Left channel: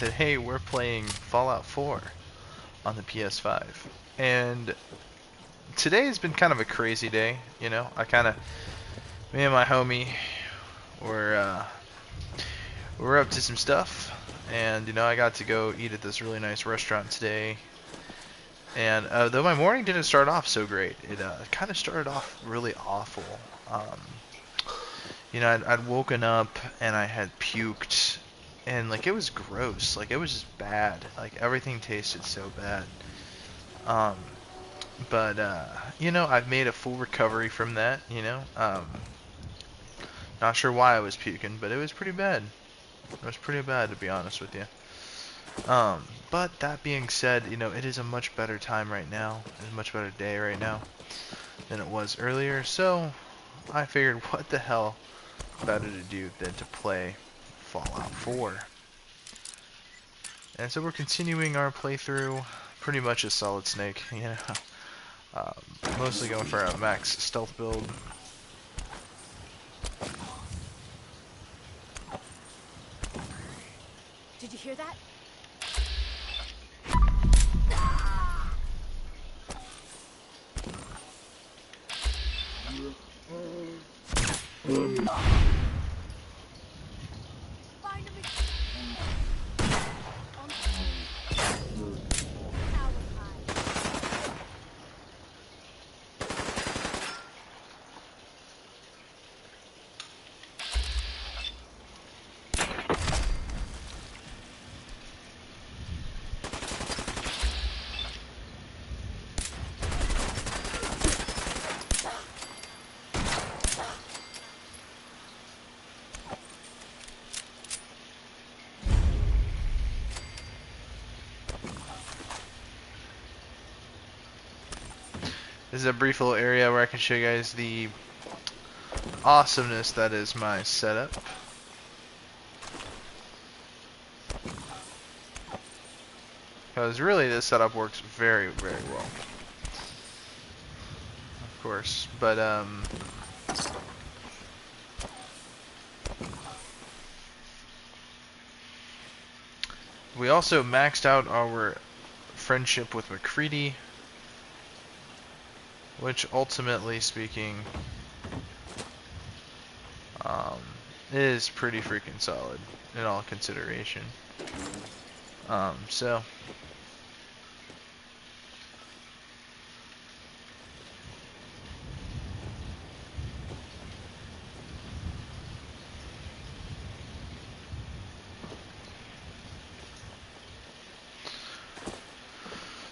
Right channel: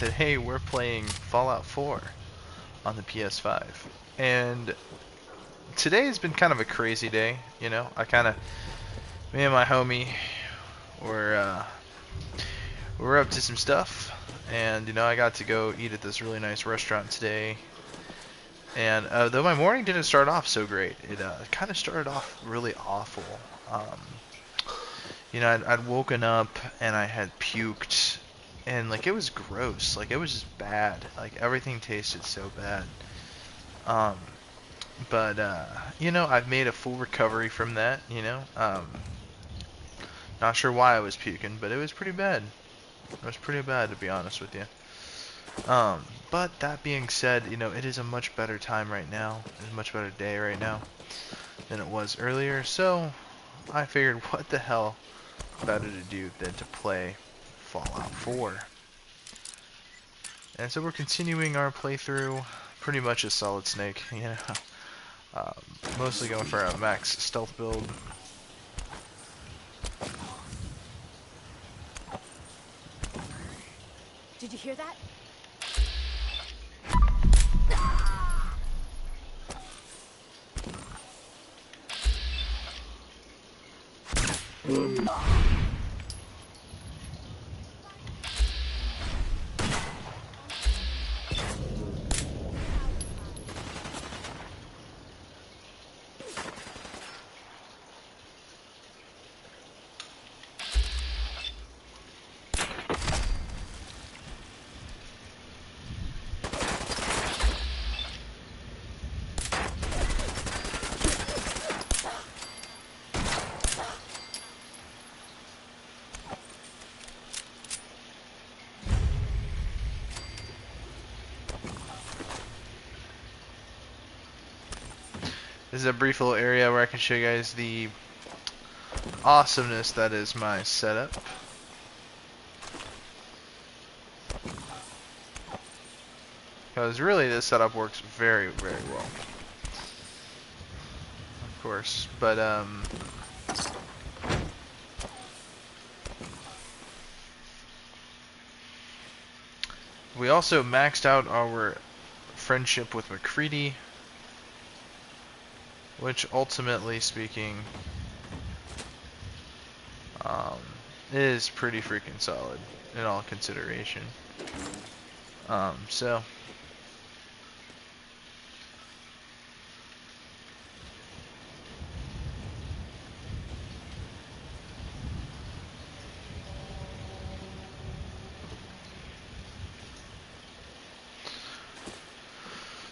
Today we're playing Fallout 4 on the PS5. And today has been kind of a crazy day, you know. Me and my homie were we're up to some stuff, and I got to go eat at this really nice restaurant today. And though my morning didn't start off so great, it kind of started off really awful. Um, I'd woken up and I had puked, and like it was gross, like it was just bad, like everything tasted so bad. Um, but I've made a full recovery from that. Not sure why I was puking, but it was pretty bad. It was pretty bad, to be honest with you. But that being said, it is a much better time right now. It's a much better day right now than it was earlier. So I figured, what the hell better to do than to play Fallout 4. And so we're continuing our playthrough, pretty much a Solid Snake, um, mostly going for a max stealth build. Did you hear that? This is a brief little area where I can show you guys the awesomeness that is my setup. Because really this setup works very, very well. Of course. But we also maxed out our friendship with McCready, which ultimately speaking is pretty freaking solid in all consideration.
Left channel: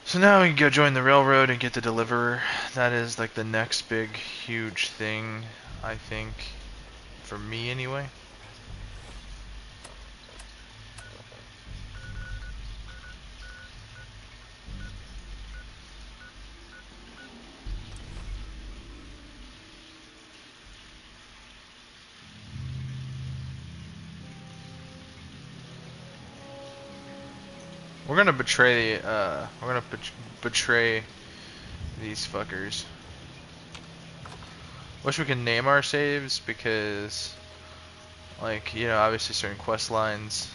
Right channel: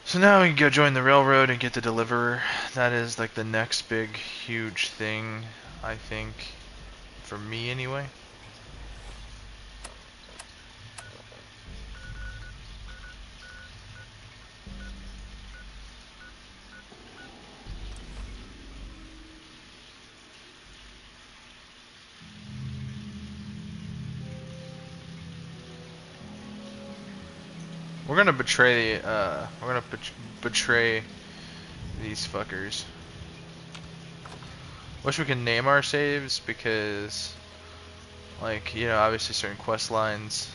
So now we can go join the railroad and get the deliverer. That is like the next big huge thing, I think, for me anyway. We're gonna betray these fuckers. Wish we could name our saves because, like, obviously certain quest lines.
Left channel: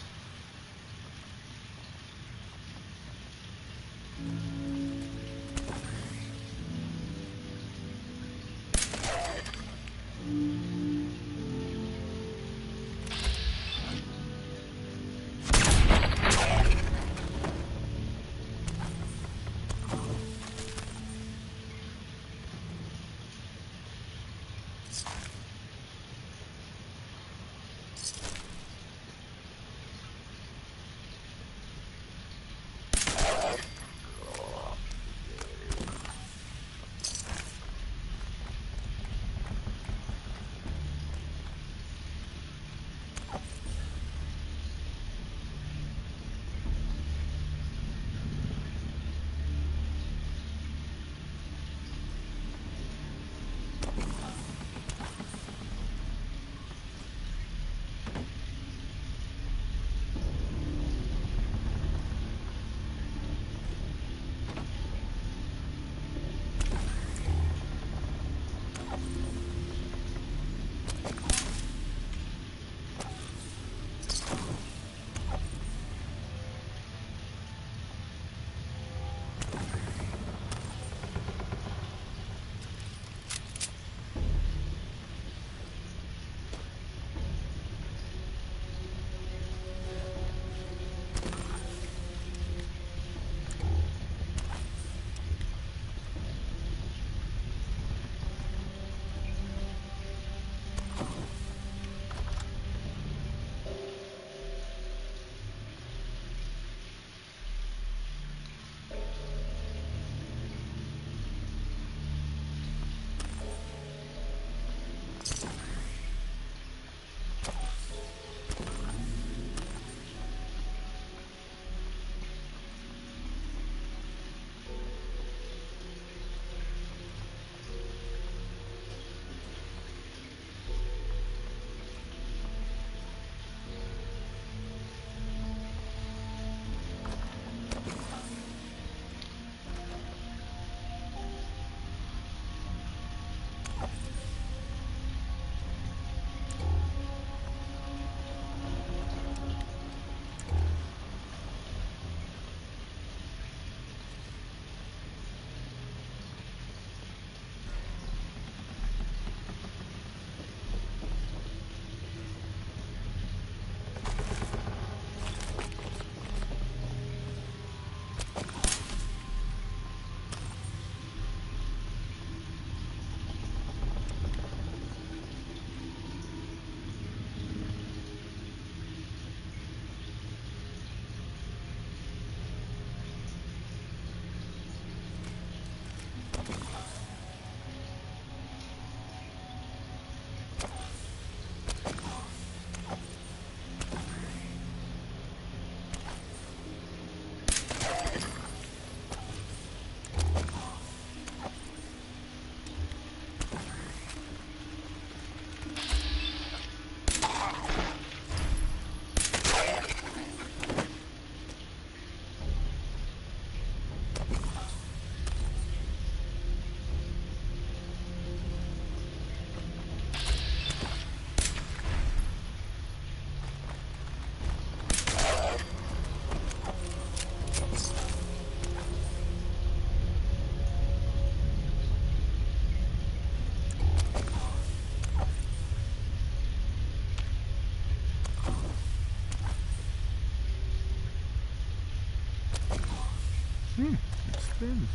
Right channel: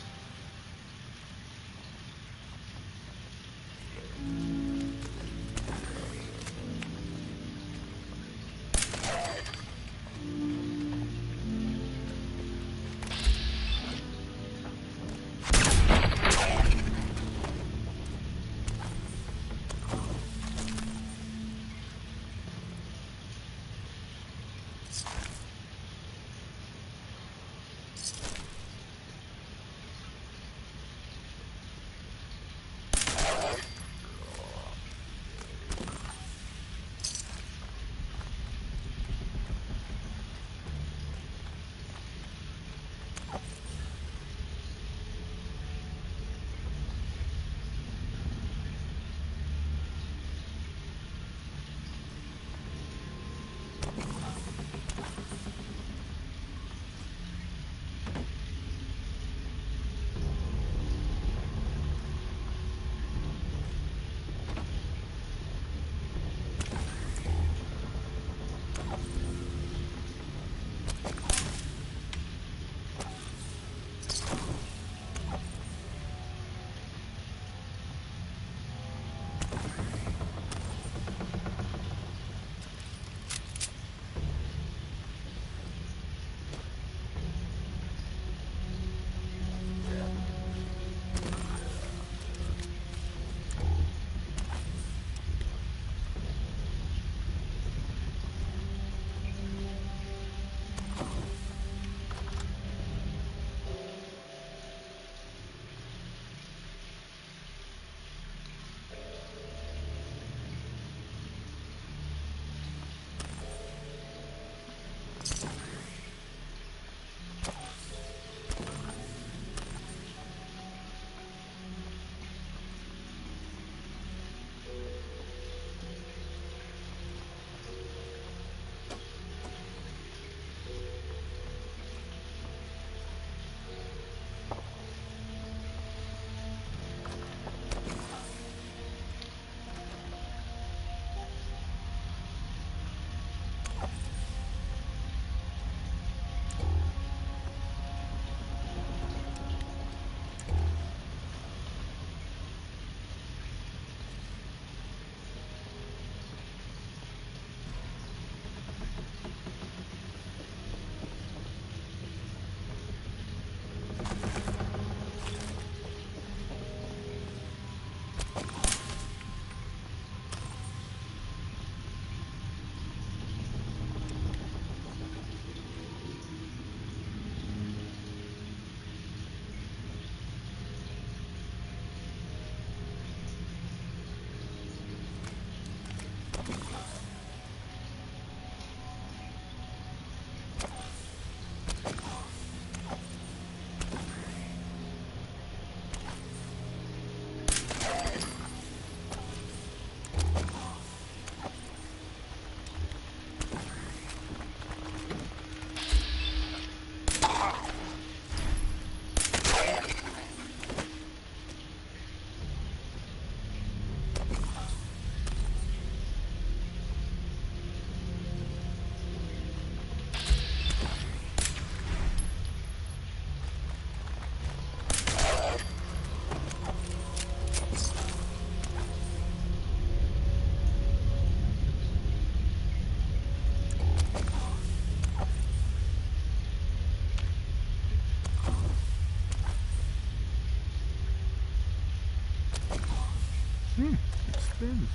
It spins.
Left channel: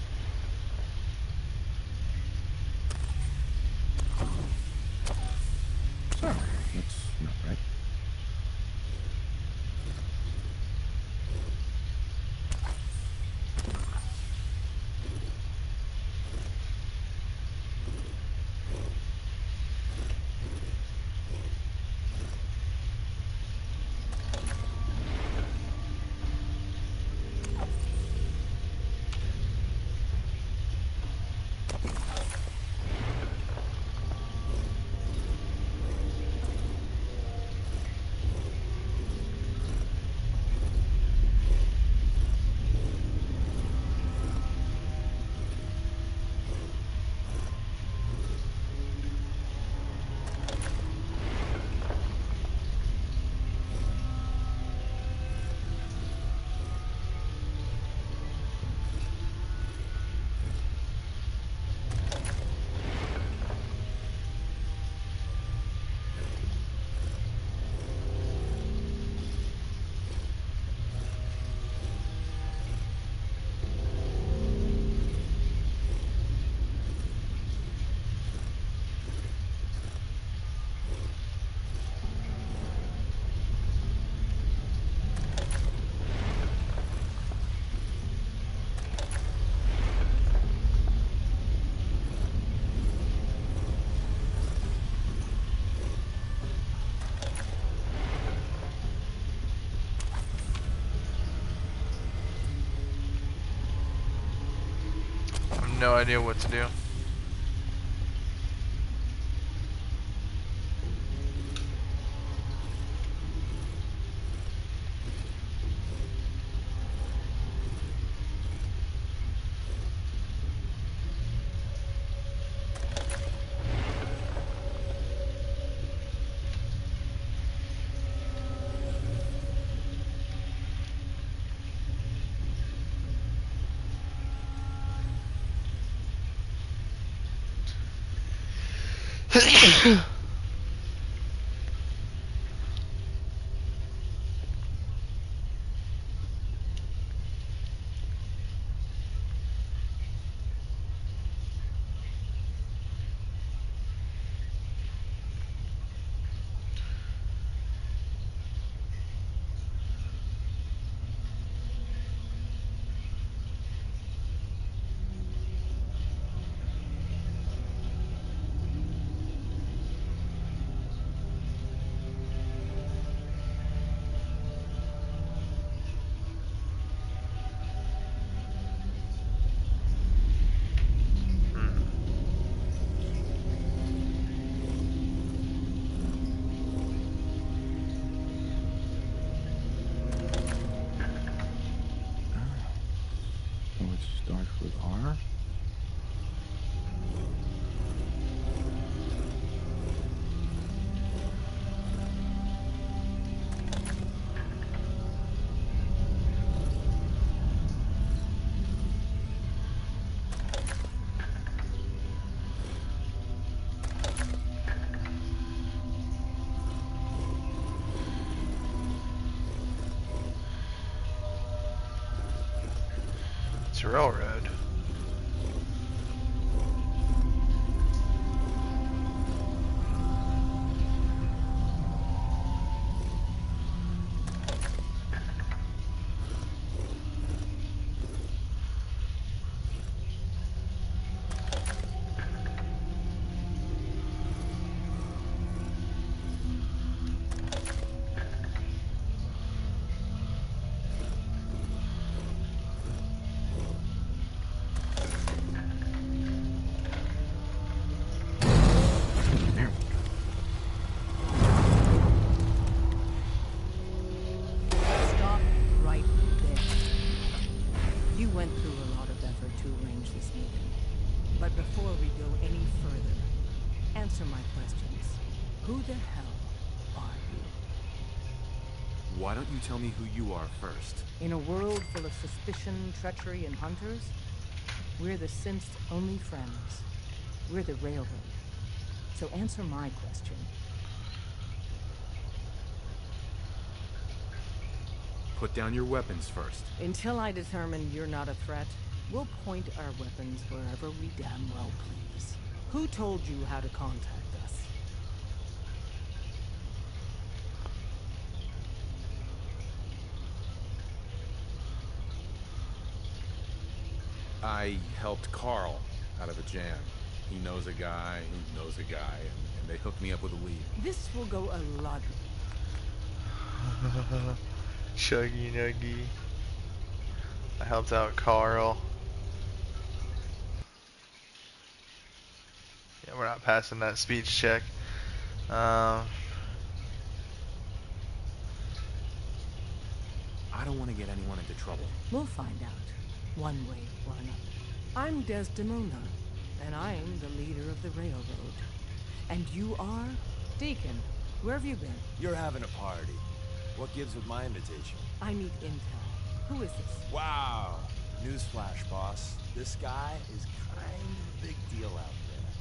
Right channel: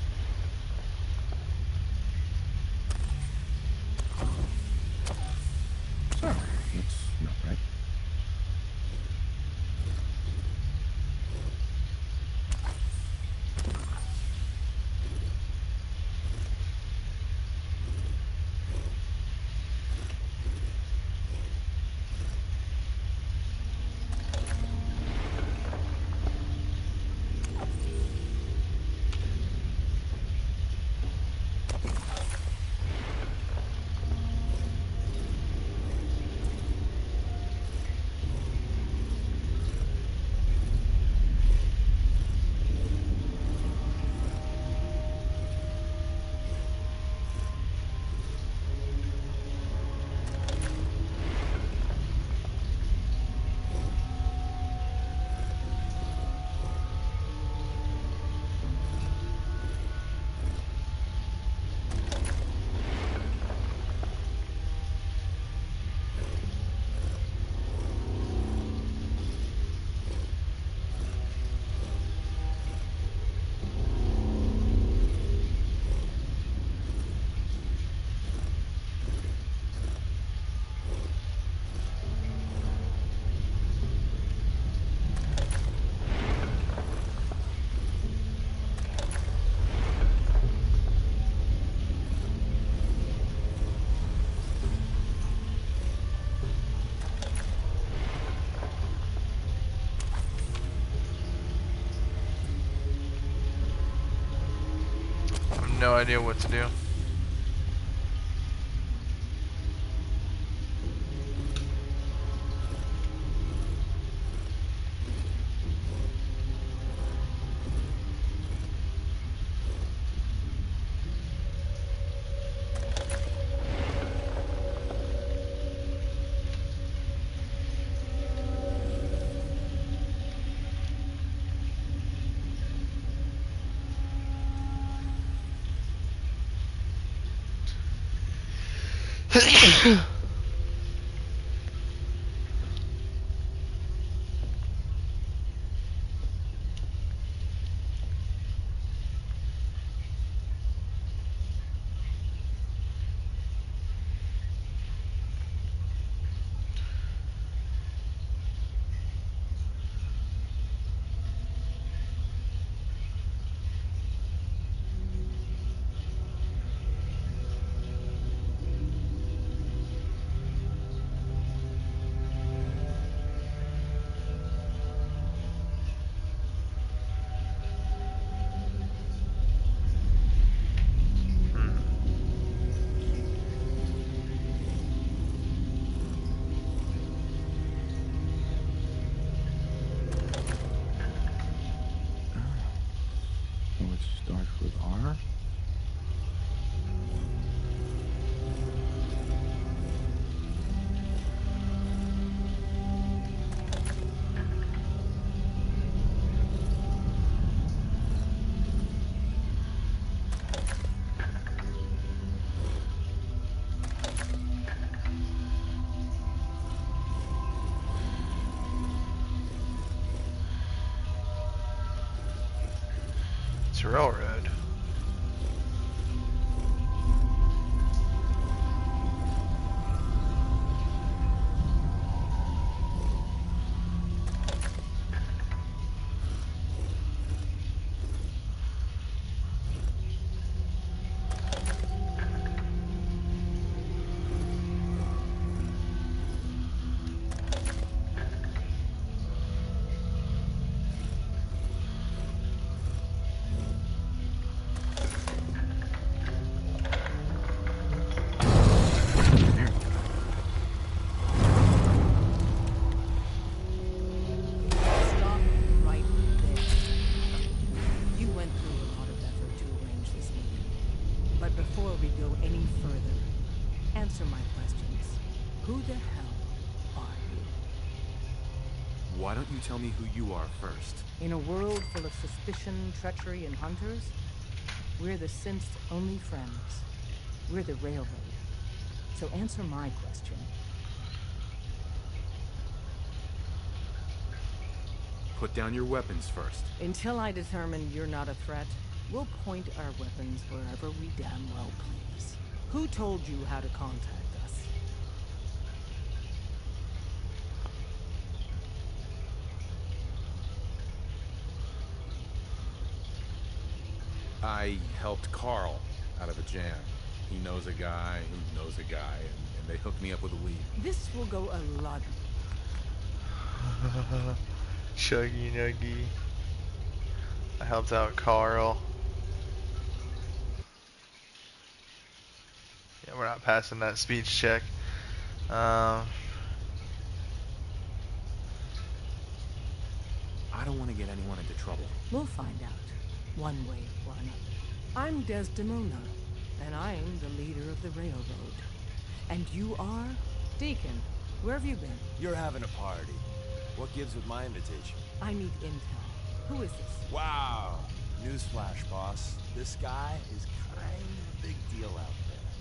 Sorry, that's not right. I have no idea what to do. So it starts with R. It's a railroad. Stop right there. You went through a lot of effort to arrange this meeting. But before we go any further, answer my questions. Who the hell are you? Why don't you tell me who you are first? In a world full of suspicion, treachery, and hunters, we're the synth's only friends. We're the railroad. So answer my question. Put down your weapons first. Until I determine you're not a threat, we'll point our weapons wherever we damn well please. Who told you how to contact us? I helped Carl out of a jam. He knows a guy who knows a guy, and they hooked me up with a lead. This will go a lot. Chuggy Nuggy. I helped out Carl. Yeah, we're not passing that speech check. Um, I don't want to get anyone into trouble. We'll find out, one way or another. I'm Desdemona, and I'm the leader of the railroad. And you are? Deacon, where have you been? You're having a party. What gives with my invitation? I need intel. Who is this? Wow. Newsflash, boss. This guy is kind of a big deal out there.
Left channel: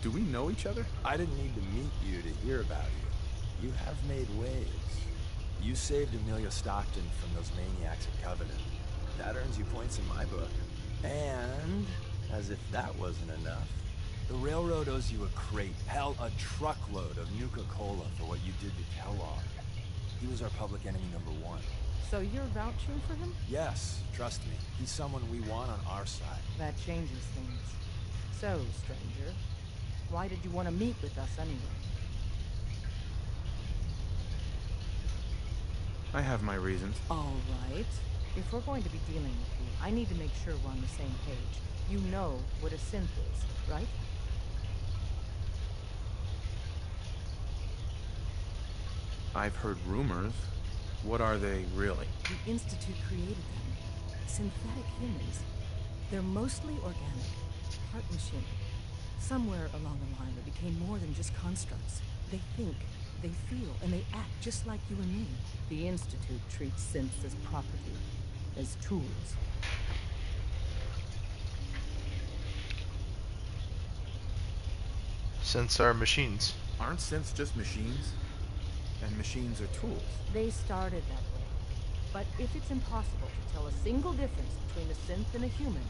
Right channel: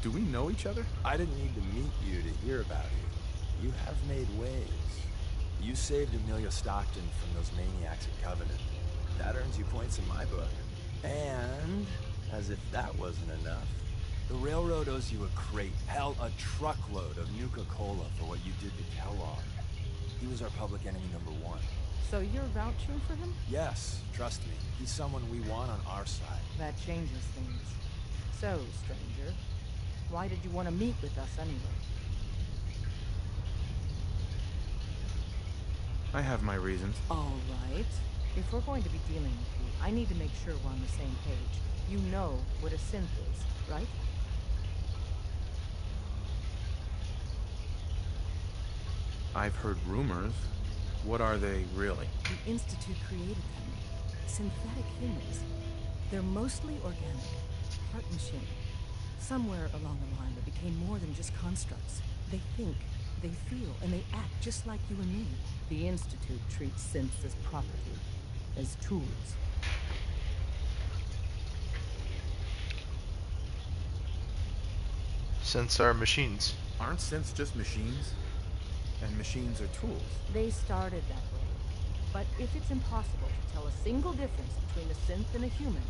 Do we know each other? I didn't need to meet you to hear about you. You have made waves. You saved Amelia Stockton from those maniacs at Covenant. That earns you points in my book. And, as if that wasn't enough, the railroad owes you a crate, hell, a truckload of Nuka-Cola for what you did to Kellogg. He was our public enemy #1. So you're vouching for him? Yes, trust me. He's someone we want on our side. That changes things. So, stranger, why did you want to meet with us anyway? I have my reasons. All right. If we're going to be dealing with you, I need to make sure we're on the same page. You know what a synth is, right? I've heard rumors. What are they, really? The Institute created them. Synthetic humans. They're mostly organic. Heart machine. Somewhere along the line, they became more than just constructs. They think, they feel, and they act just like you and me. The Institute treats synths as property, as tools. synths are machines. Aren't synths just machines? And machines are tools. They started that way. But if it's impossible to tell a single difference between a synth and a human,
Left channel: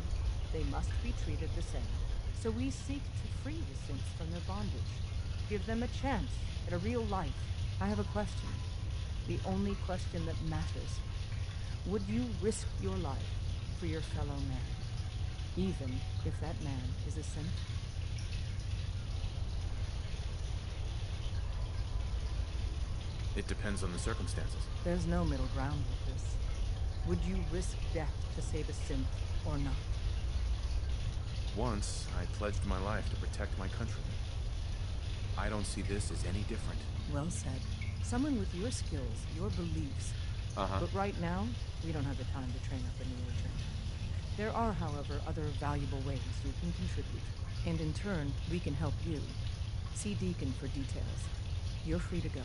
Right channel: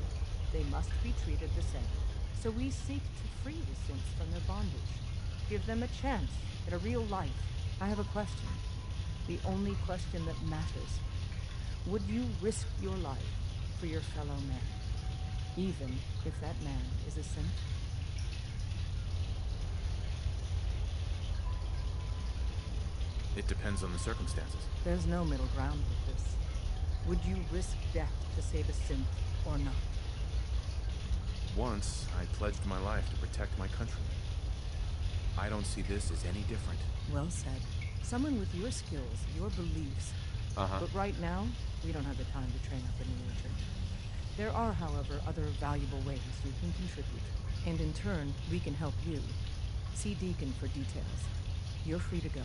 they must be treated the same. So we seek to free the synths from their bondage. Give them a chance at a real life. I have a question. The only question that matters. Would you risk your life for your fellow man? Even if that man is a synth? It depends on the circumstances. There's no middle ground with this. Would you risk death to save a synth or not? Once, I pledged my life to protect my countrymen. I don't see this as any different. Well said. Someone with your skills, your beliefs. But right now, we don't have the time to train up a new agent. There are, however, other valuable ways you can contribute. And in turn, we can help you. See Deacon for details. You're free to go.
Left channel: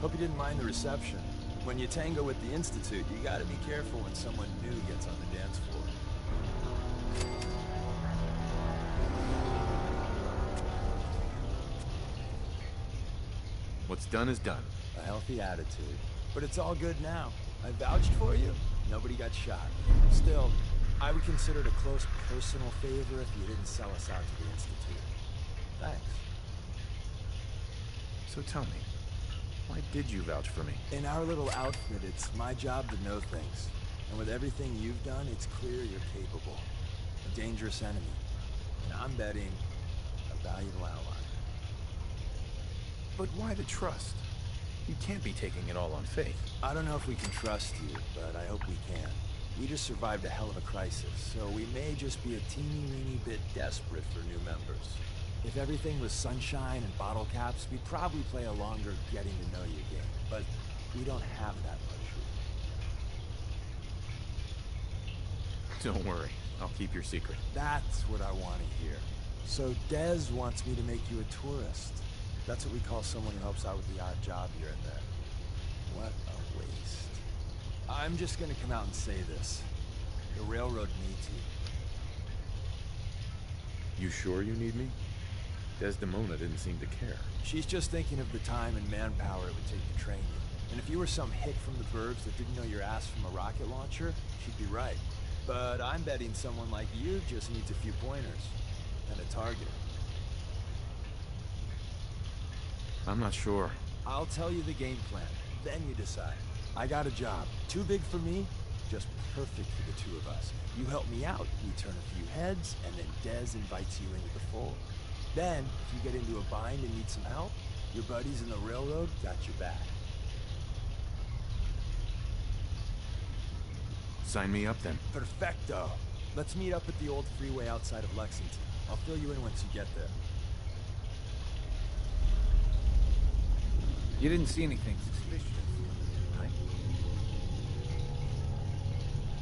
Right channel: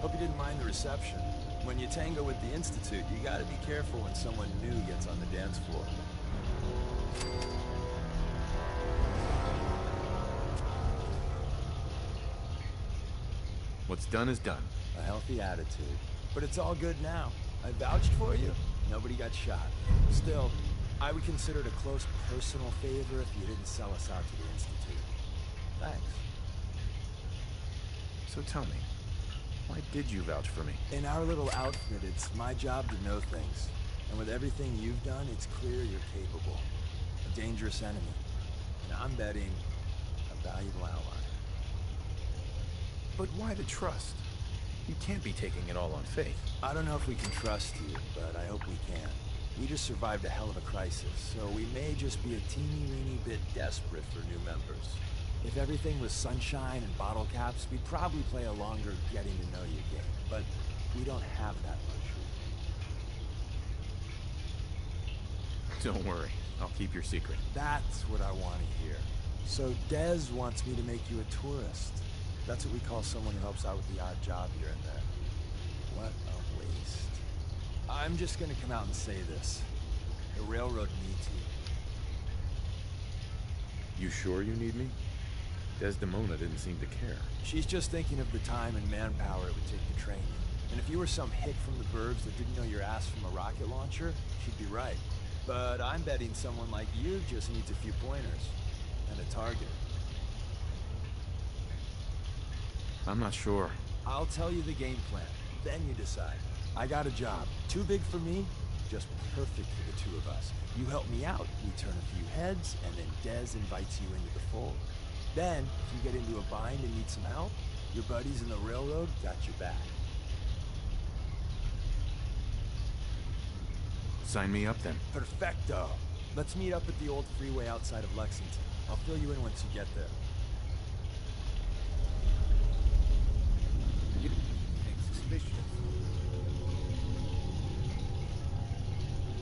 Hope you didn't mind the reception. When you tango with the Institute, you gotta be careful when someone new gets on the dance floor. What's done is done. A healthy attitude. But it's all good now. I vouched for you. Nobody got shot. Still, I would consider it a close personal favor if you didn't sell us out to the Institute. Thanks. So tell me, why did you vouch for me? In our little outfit, it's my job to know things. And with everything you've done, it's clear you're capable. A dangerous enemy. And I'm betting a valuable ally. But why the trust? You can't be taking it all on faith. I don't know if we can trust you, but I hope we can. We just survived a hell of a crisis, so we may just be a teeny-weeny bit desperate for new members. If everything was sunshine and bottle caps, we'd probably play a longer getting-to-know-you game. But we don't have that luxury. Don't worry, I'll keep your secret. That's what I want to hear. So Dez wants me to make you a tourist. That's what we call someone who helps out with the odd job here and there. What a waste. I'm just gonna come out and say this. The railroad needs you. You sure you need me? Desdemona didn't seem to care. She's just thinking of the time and manpower it would take to train you. And if you were some hick from the burbs that didn't know your ass from a rocket launcher, she'd be right. But I'm betting someone like you just needs a few pointers. And a target. I'm not sure. I'll tell you the game plan. Then you decide. I got a job. Too big for me, just perfect for the two of us. You help me out, we turn a few heads, and then Dez invites you into the fold. Then, if you get into a bind and need some help, your buddies in the railroad got your back. Sign me up then. Perfecto. Let's meet up at the old freeway outside of Lexington. I'll fill you in once you get there. You didn't see anything suspicious.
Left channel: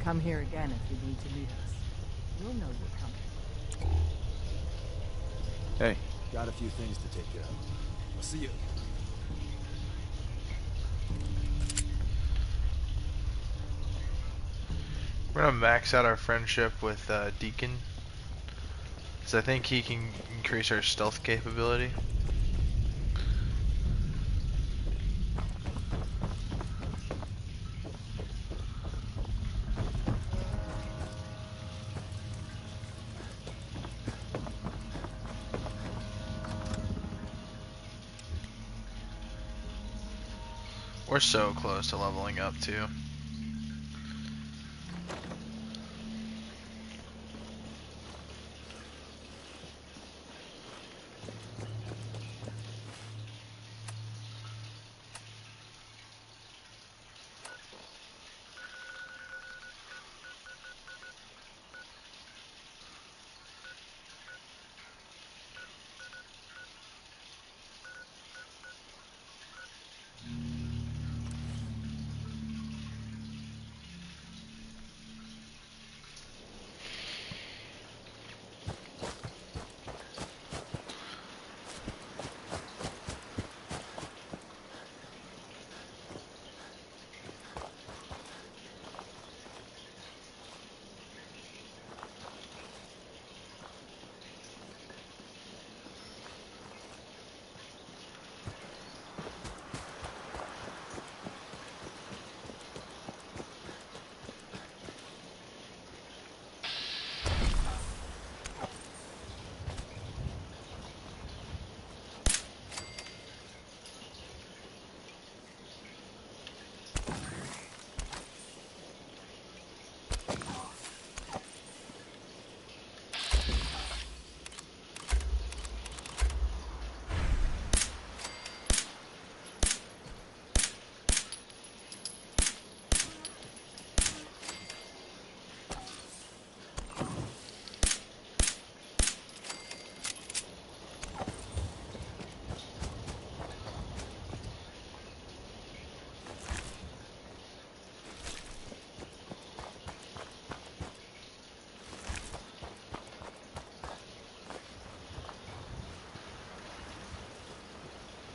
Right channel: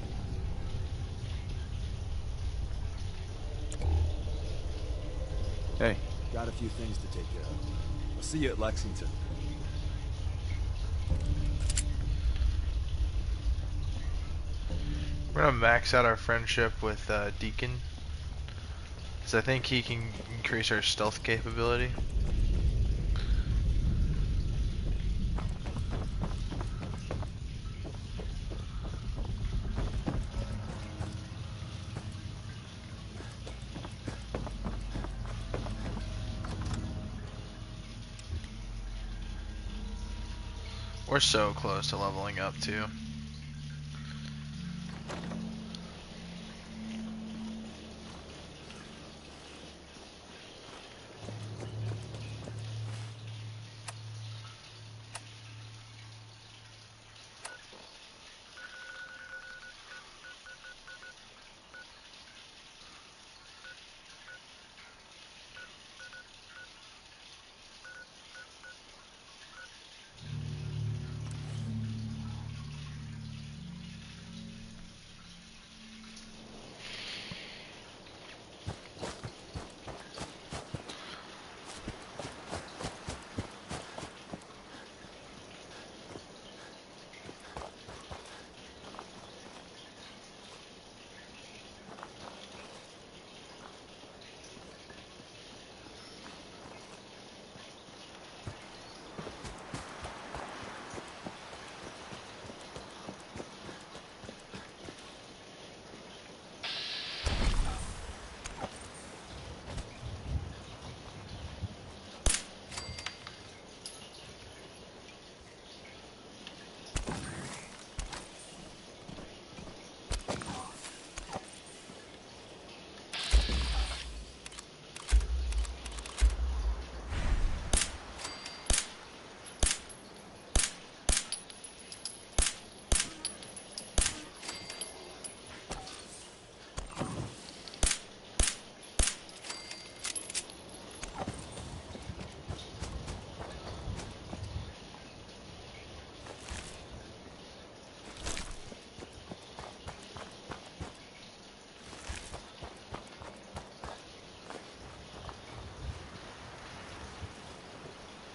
Come here again if you need to meet us. We'll know you're coming. Hey, Got a few things to take care of. I'll see you at Lexington. We're gonna max out our friendship with Deacon, because I think he can increase our stealth capability. We're so close to leveling up too.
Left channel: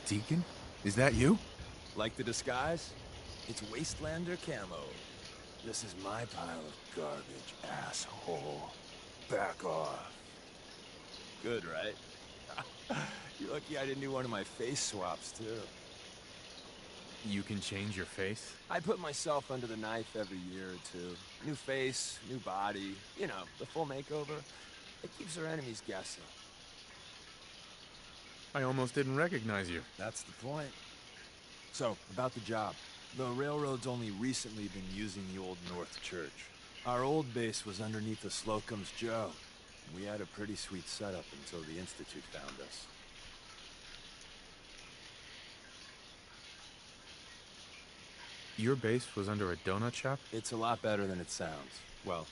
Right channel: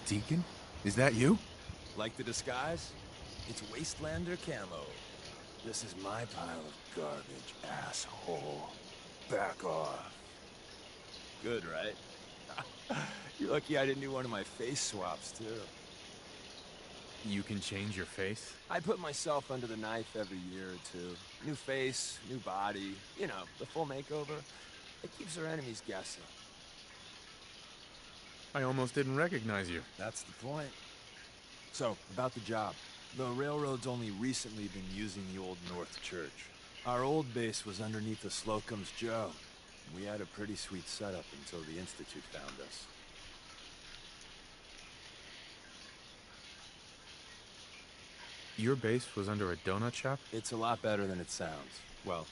Deacon? Is that you? Like the disguise? It's Wastelander camo. This is my pile of garbage, asshole. Back off. Good, right? You're lucky I didn't do one of my face swaps, too. You can change your face? I put myself under the knife every year or two. New face, new body, you know, the full makeover. It keeps our enemies guessing. I almost didn't recognize you. That's the point. So, about the job. The railroad's only recently been using the Old North Church. Our old base was underneath the Slocum's Joe. We had a pretty sweet setup until the Institute found us. Your base was under a donut shop? It's a lot better than it sounds. Well,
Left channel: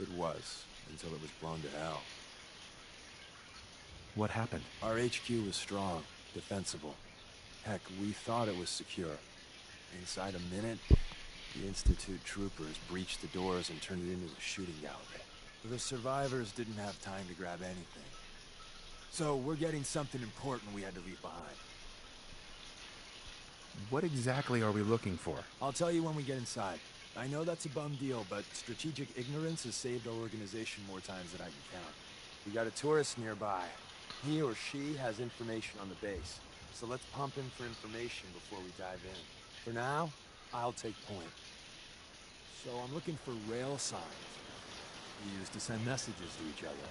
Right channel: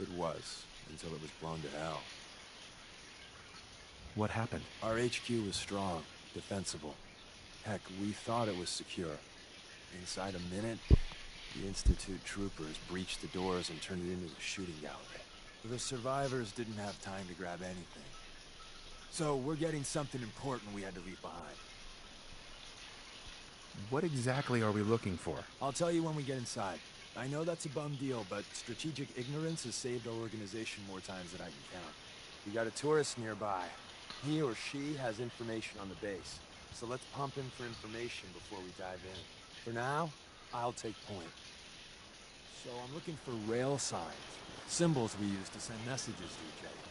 it was, until it was blown to hell. What happened? Our HQ was strong, defensible. Heck, we thought it was secure. Inside a minute, the Institute troopers breached the doors and turned it into a shooting gallery. The survivors didn't have time to grab anything. So we're getting something important we had to leave behind. What exactly are we looking for? I'll tell you when we get inside. I know that's a bum deal, but strategic ignorance has saved our organization more times than I can count. We got a tourist nearby. He or she has information on the base. So let's pump him for information before we dive in. For now, I'll take point. So I'm looking for rail signs. Symbols we use to send messages to each other.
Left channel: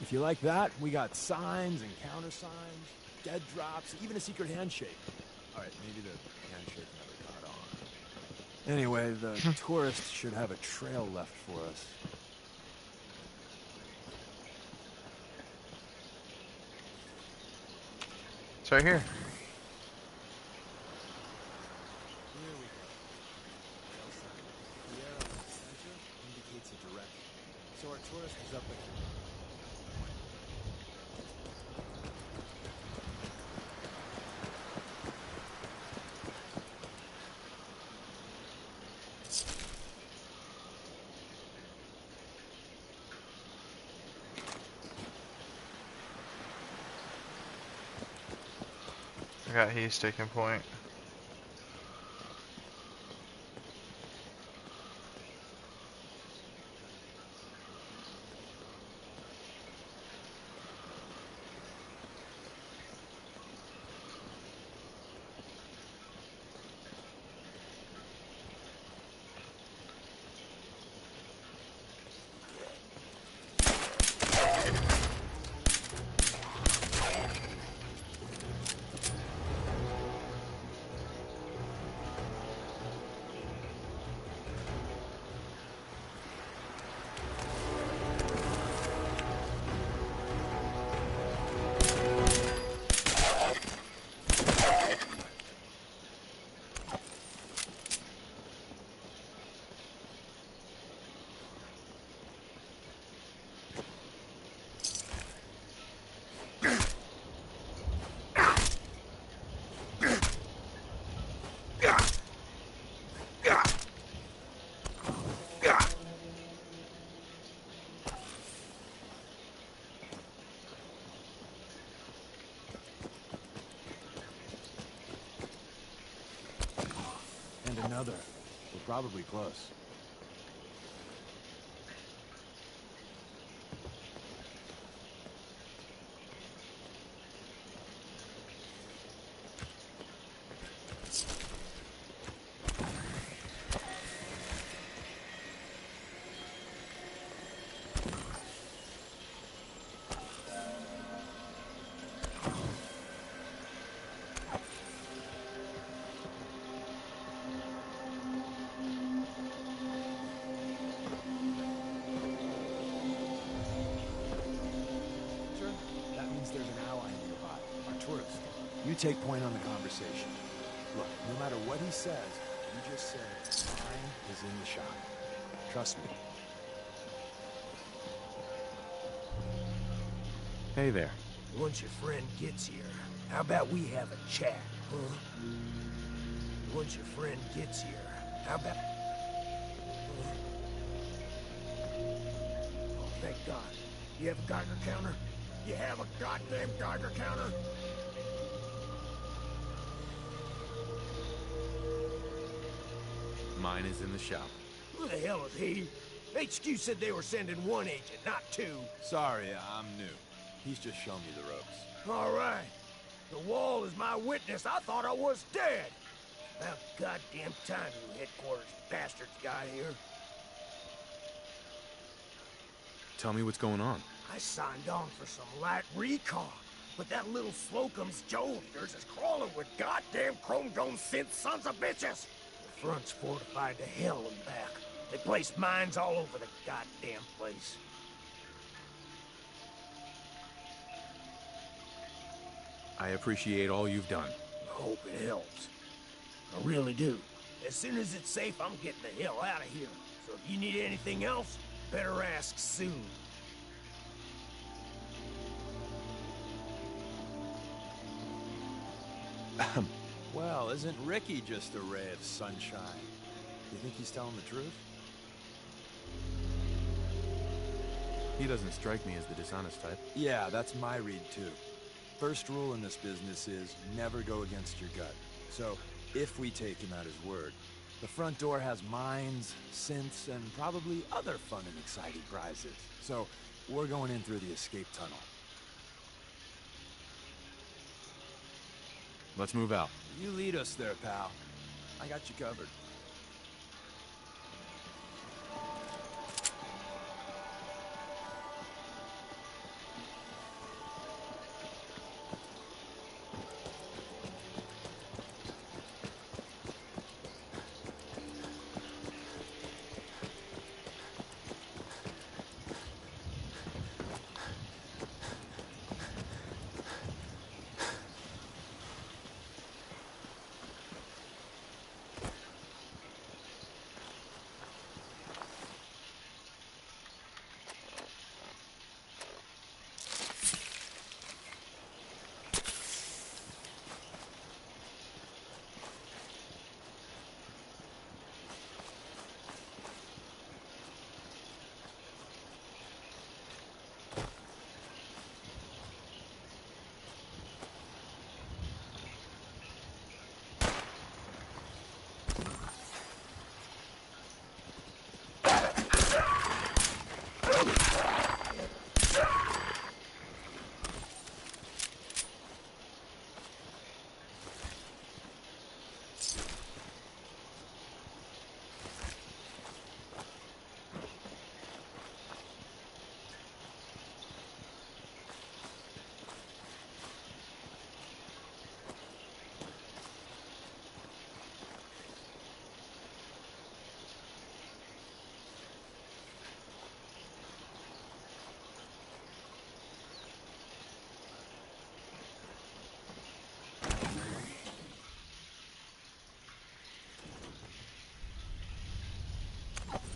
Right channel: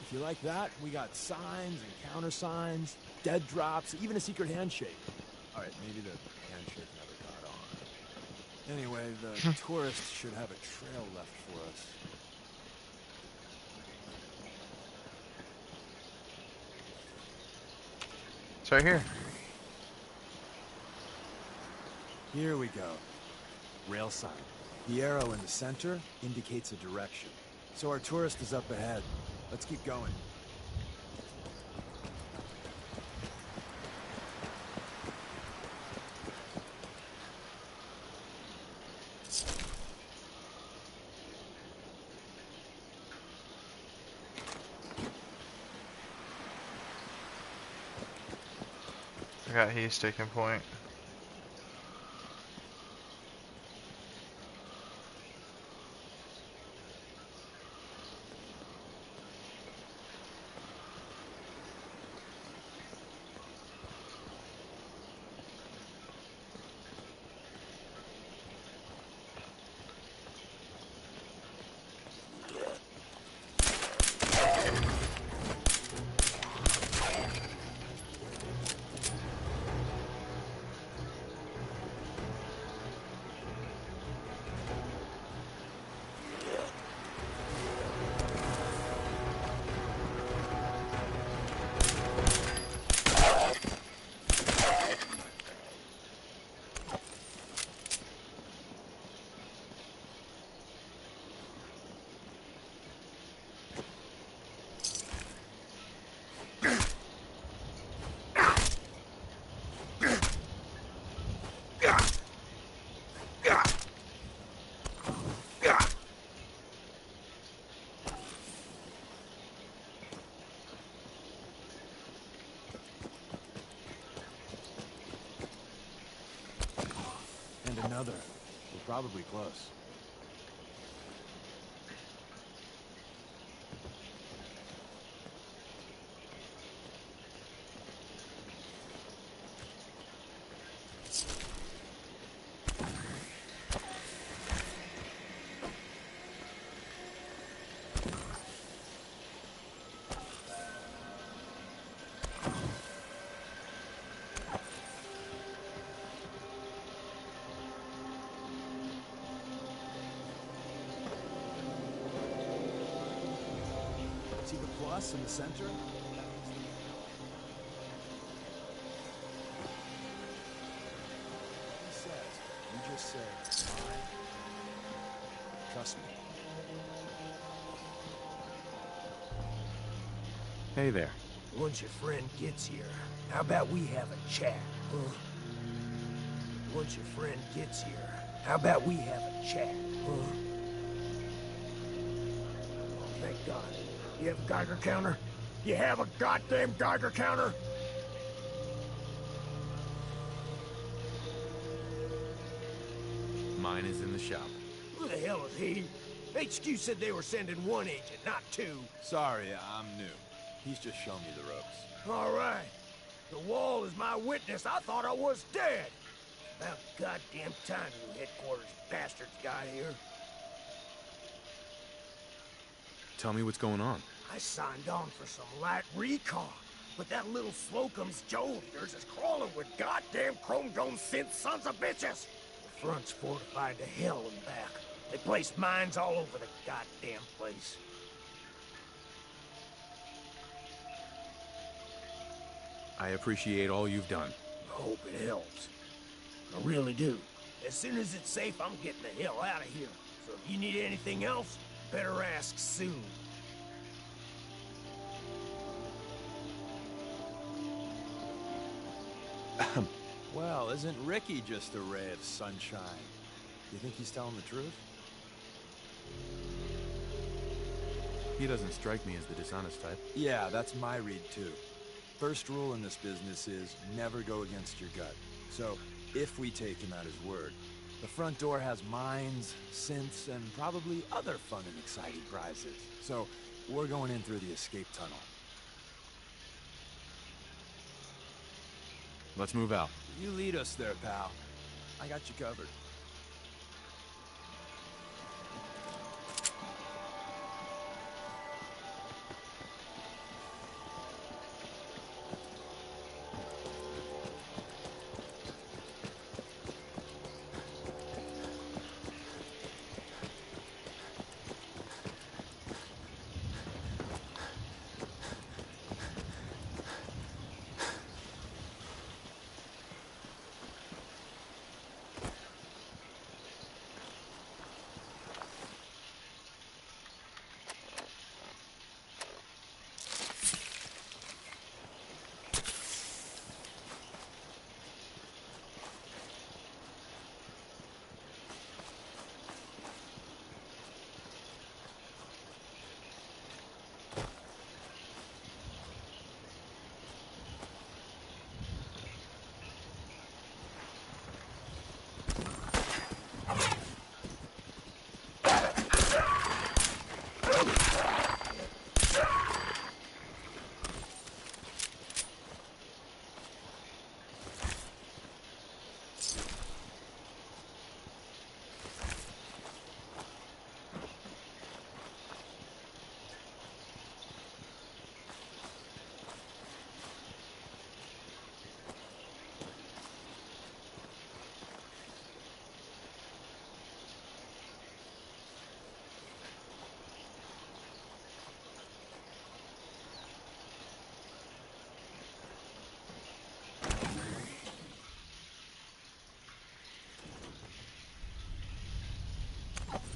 If you like that, we got signs and countersigns, dead drops, even a secret handshake. Alright, maybe the handshake never caught on. Anyway, the tourists should have a trail left for us. It's right here. Here we go. Rail sign. The arrow in the center indicates a direction. So our tourist is up ahead. Let's keep going. I got he's taking point. And another. We're probably close. See the plus in the center? That means there's an ally nearby. A tourist. You take point on the conversation. Look, no matter what he says, you just say, mine is in the shop. Trust me. Hey there. Once your friend gets here, how about we have a chat, huh? Once your friend gets here, how about we have a chat, huh? Oh, thank God. You have a Geiger counter? You have a goddamn Geiger counter? Mine is in the shop. Who the hell is he? HQ said they were sending one agent, not two. Sorry, I'm new. He's just showing me the ropes. All right. The wall is my witness. I thought I was dead. About goddamn time you headquarters bastards got here. Tell me what's going on. I signed on for some light recon, but that little Slocum's Joe of yours is crawling with goddamn chrome dome synth sons of bitches. The front's fortified to hell and back. They placed mines all over the goddamn place. I appreciate all you've done. I hope it helps. I really do. As soon as it's safe, I'm getting the hell out of here. So if you need anything else, better ask soon. Well, isn't Ricky just a ray of sunshine? You think he's telling the truth? He doesn't strike me as the dishonest type. Yeah, that's my read too. First rule in this business is never go against your gut. So, if we take him at his word, the front door has mines, synths, and probably other fun and exciting prizes. So, We're going in through the escape tunnel. Let's move out. You lead us there, pal. I got you covered.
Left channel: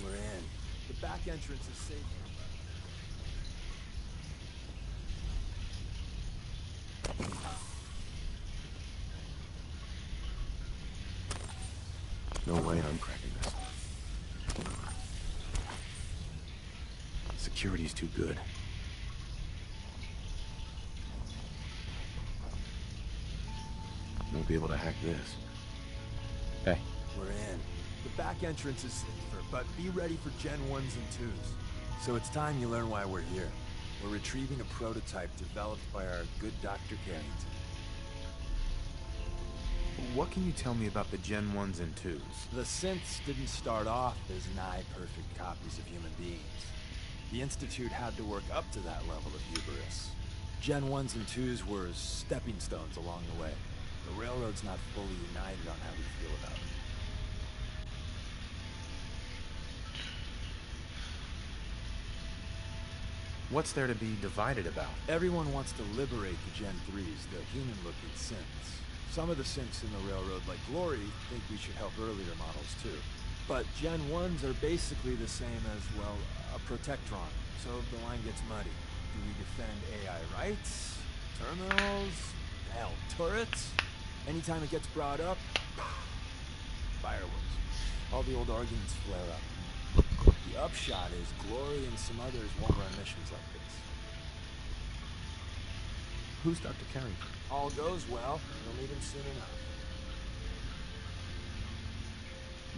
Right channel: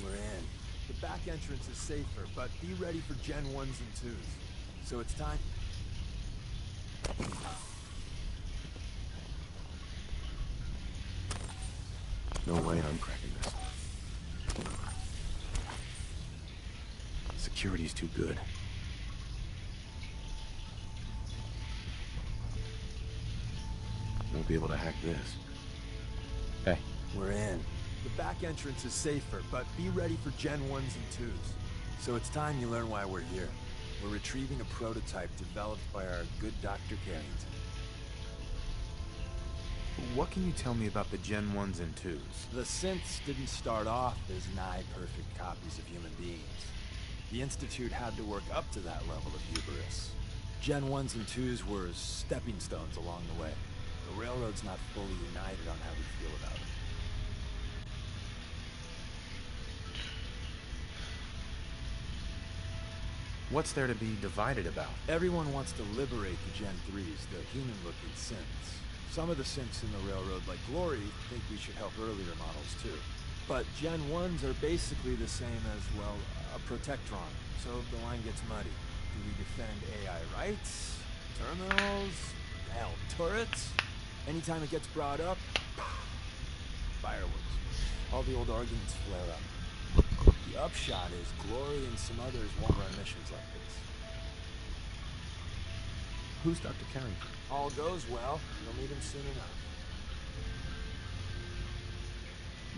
We're in. The back entrance is safer, but be ready for Gen 1s and 2s. So it's time. No way I'm cracking this. Security's too good. Won't be able to hack this. Hey. We're in. The back entrance is safer, but be ready for Gen 1s and 2s. So it's time you learn why we're here. We're retrieving a prototype developed by our good Dr. Carrington. What can you tell me about the Gen 1s and 2s? The synths didn't start off as nigh-perfect copies of human beings. The Institute had to work up to that level of hubris. Gen 1s and 2s were stepping stones along the way. The Railroad's not fully united on how we feel about it. What's there to be divided about? Everyone wants to liberate the Gen 3s, the human-looking synths. Some of the synths in the Railroad, like Glory, think we should help earlier models too. But Gen 1s are basically the same as, well, a Protectron, so the line gets muddy. Do we defend AI rights? Terminals? Hell, turrets? Anytime it gets brought up, fireworks. All the old arguments flare up. The upshot is Glory and some others won't run missions like this. Who's Dr. Carrington? All goes well, you'll meet him soon enough.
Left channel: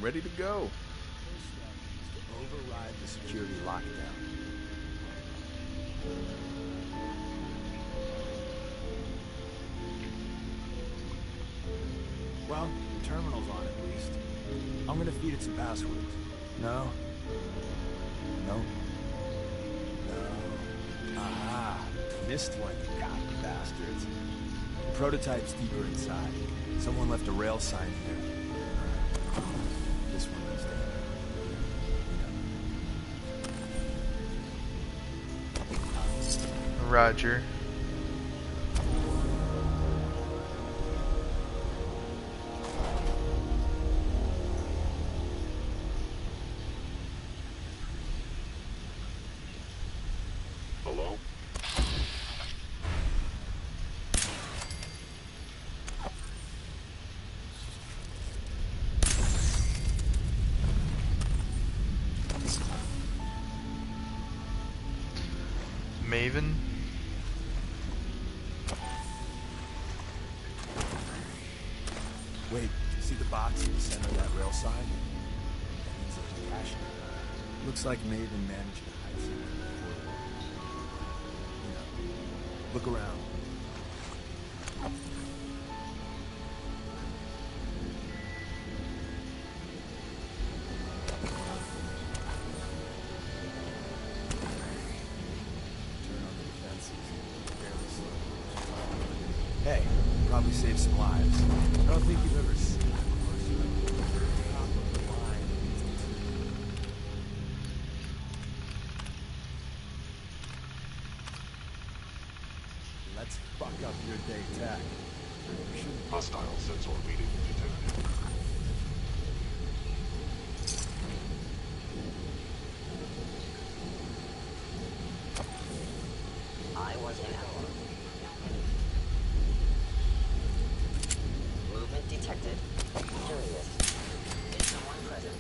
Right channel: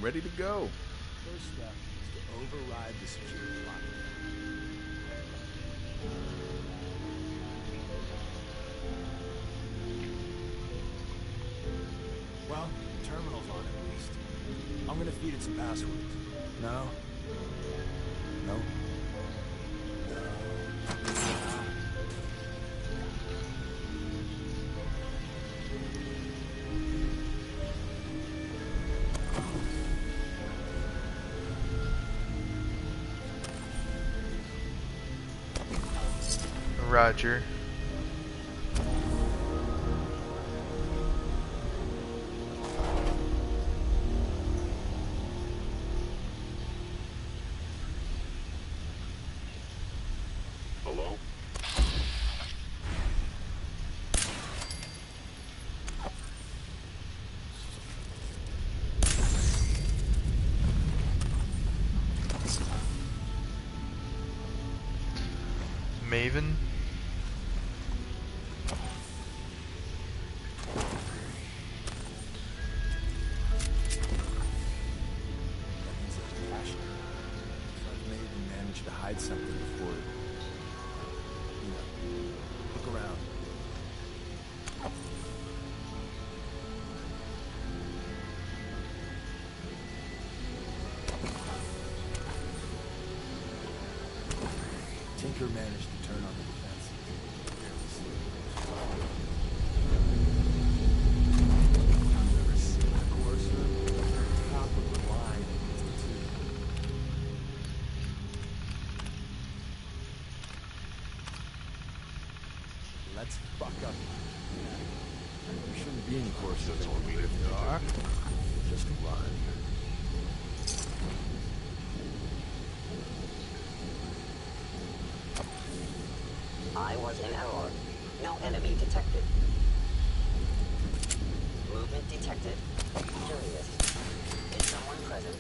Ready to go. First step is to override the security lockdown. Well, the terminal's on at least. I'm gonna feed it some passwords. No. No. No. Ah, missed one, you copy bastards. The prototype's deeper inside. Someone left a rail sign in there. This one's there. Roger. Hello? Maven. Wait, see the box in the center of that rail sign? That means there's a cache in it. Looks like Maven managed to hide something before Look around. Tinker managed to turn on the defenses. Barely slowed. Hey, probably saved some lives. I don't think you've ever seen a courser. Top of the line institute. Let's fuck up your big tech. You shouldn't be in Hostile course. sensor reading detected. Just run. I was in error. No enemy detected. Movement detected. Curious. Is someone present?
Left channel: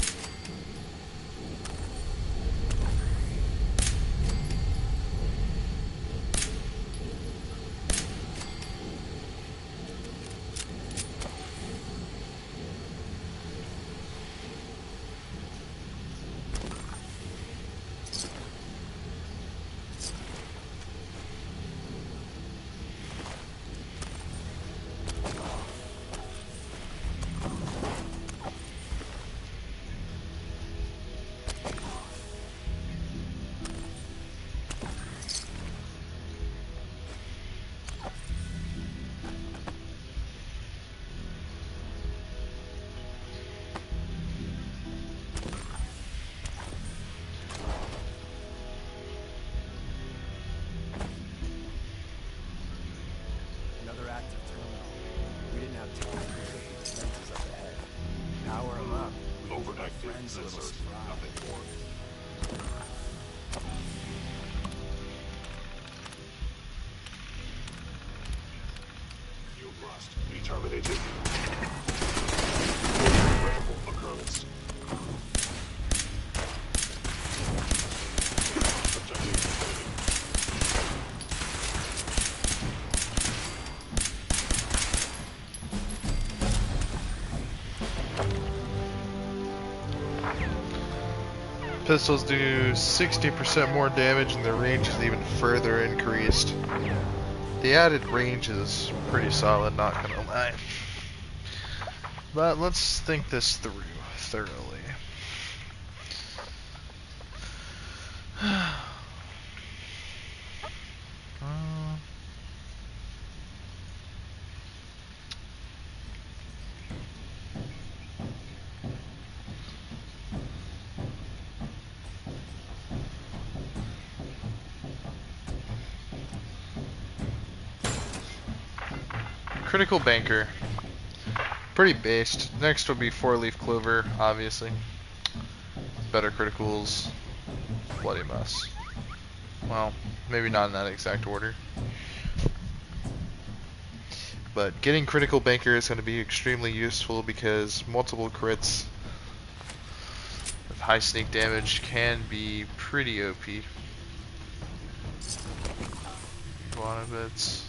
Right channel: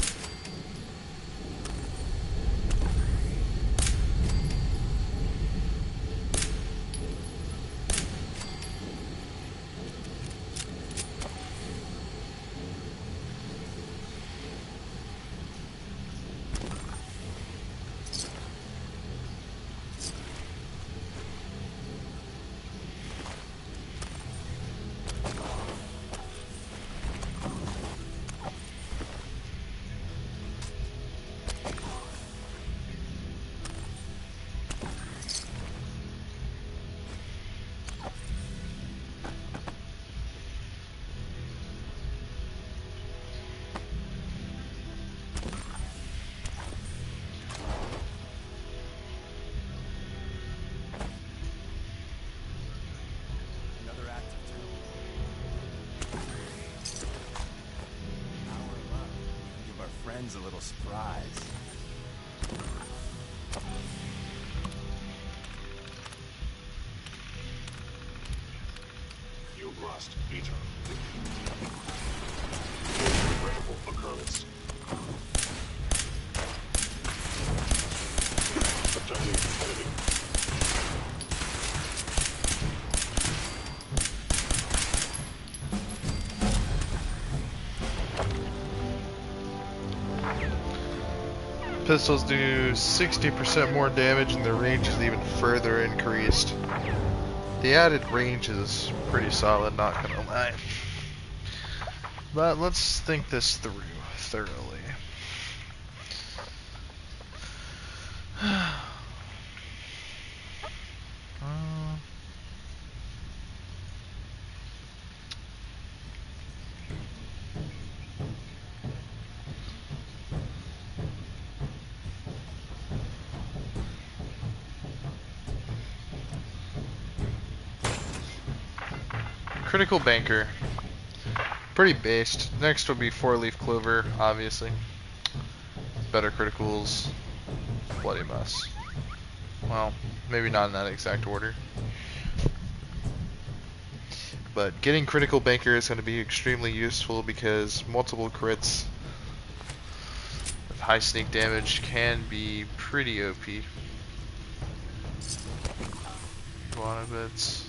Another active terminal. We didn't have to sensors up ahead. Power them up. We can give our friends a little surprise. You must be terminated. Regrettable occurrence. Objective enemy. Pistols do 60% more damage and their range is even further increased. The added range is pretty solid, not gonna lie. But let's think this through thoroughly. Critical Banker. Pretty based. Next would be 4-leaf Clover, obviously. Better criticals. Bloody Mess. Well, maybe not in that exact order. But getting Critical Banker is going to be extremely useful because multiple crits with high sneak damage can be pretty OP. Guana bits.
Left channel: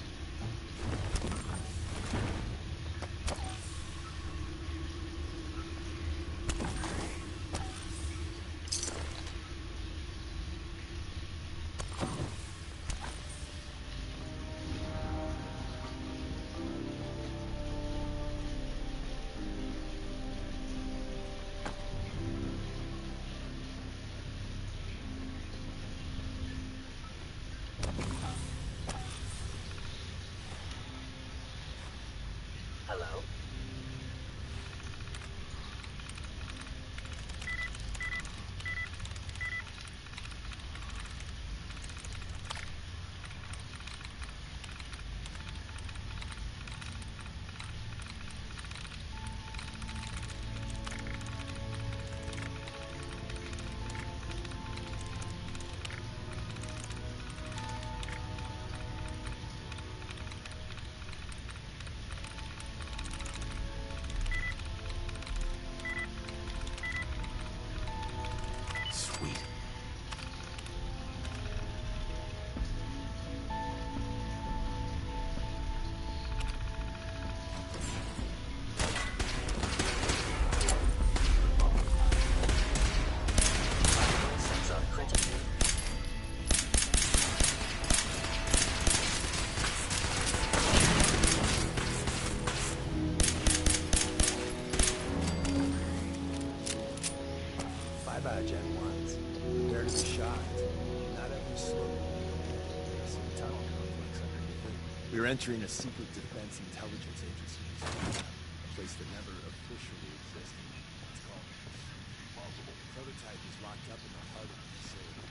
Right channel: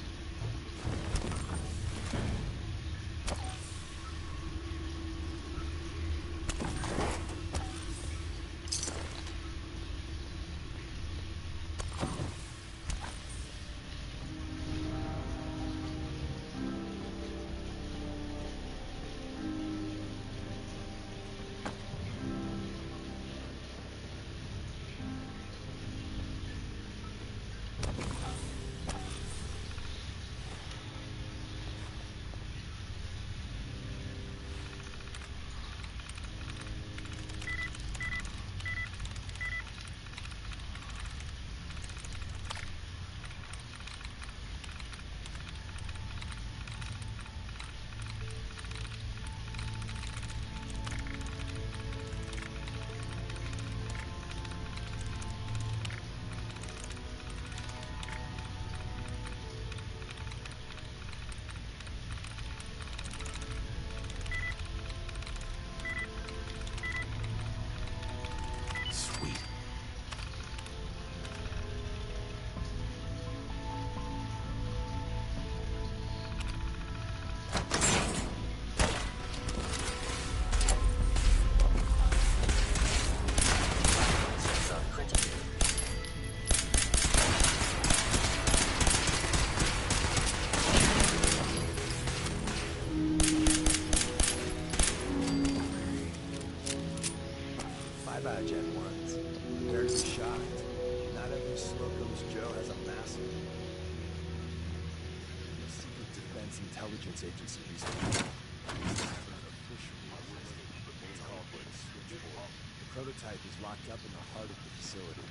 entering a secret defense intelligence agency recently. A place that never officially existed. It's called the Switchboard. The prototype is locked up in the heart of the facility.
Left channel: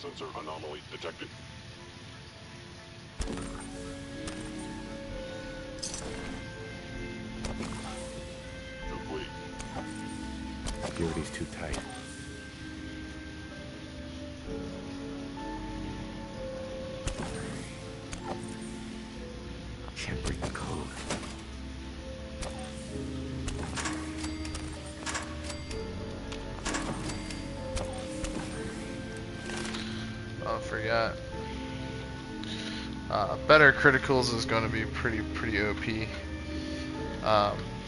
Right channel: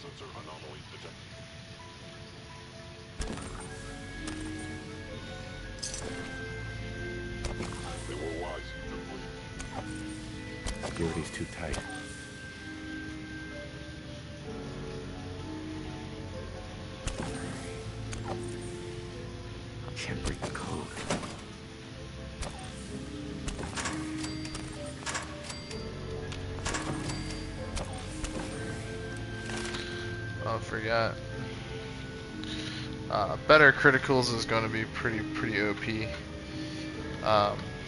Sensor anomaly detected. MOIs complete. Security's too tight. Can't break the code. Oh, I forgot. Better criticals is going to be pretty OP.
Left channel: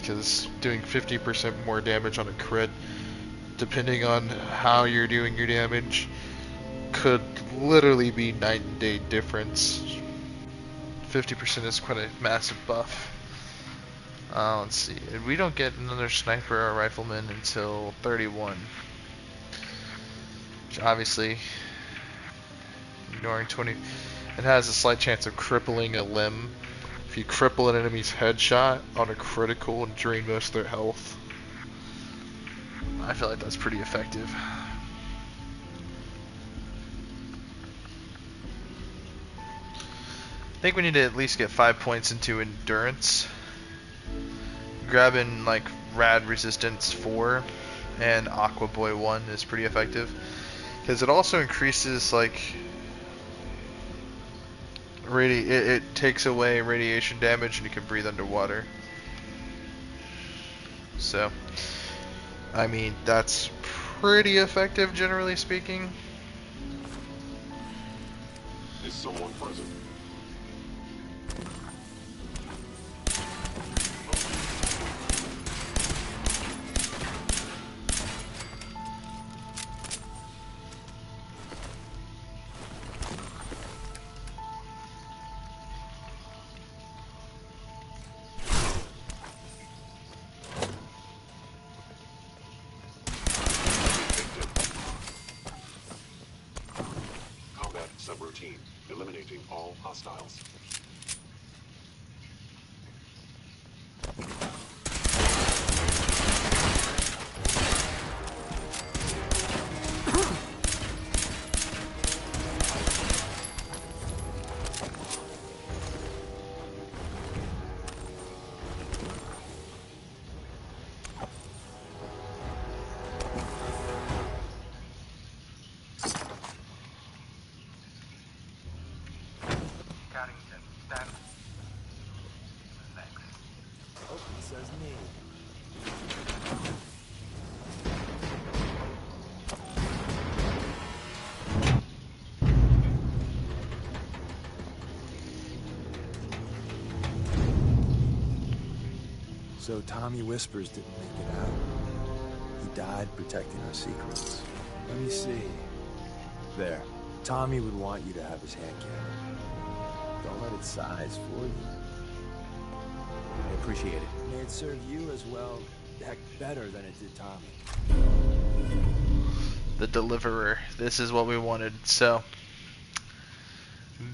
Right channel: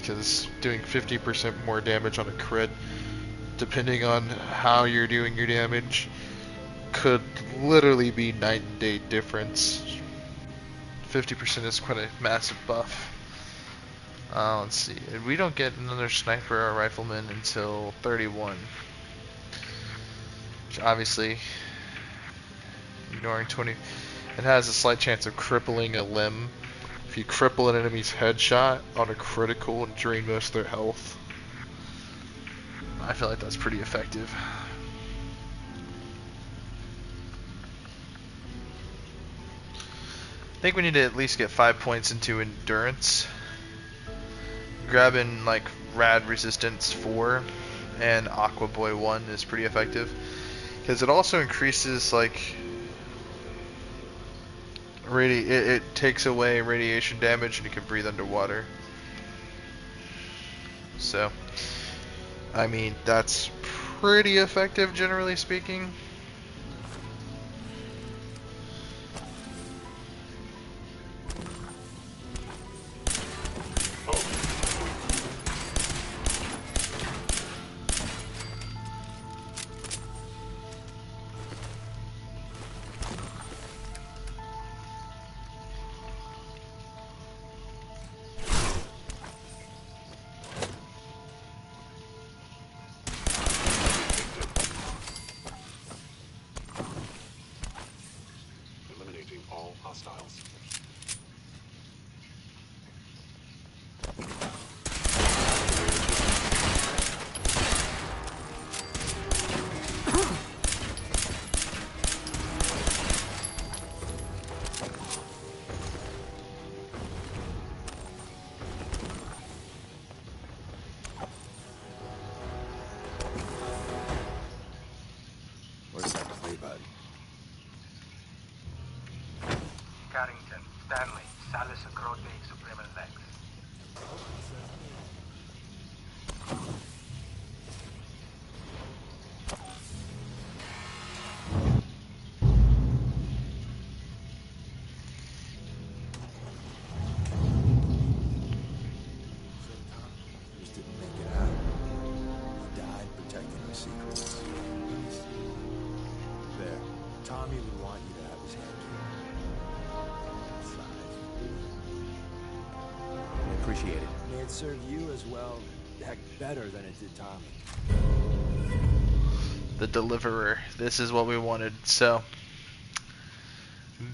Because doing 50% more damage on a crit, depending on how you're doing your damage, could literally be night and day difference. 50% is quite a massive buff. Let's see. We don't get another sniper or rifleman until 31. Which obviously, ignoring 20, it has a slight chance of crippling a limb. If you cripple an enemy's headshot on a critical and drain most of their health, I feel like that's pretty effective. I think we need to at least get 5 points into endurance. Grabbing like Rad Resistance 4 and Aqua Boy 1 is pretty effective. Because it also increases like it takes away radiation damage and you can breathe underwater. So, I mean, that's pretty effective generally speaking. Is someone present? Combat subroutine. Eliminating all hostiles. What do you want to do about it? Carrington, Stanley, Salis and Crowley, Supreme and Lex. Oh, it says me. So Tommy Whispers didn't make it out. He died protecting our secrets. Let me see. There. Tommy would want you to have his hand killed. Don't let it size for you. I appreciate it. May it serve you as well, heck, better than it did Tommy. The Deliverer. This is what we wanted. So,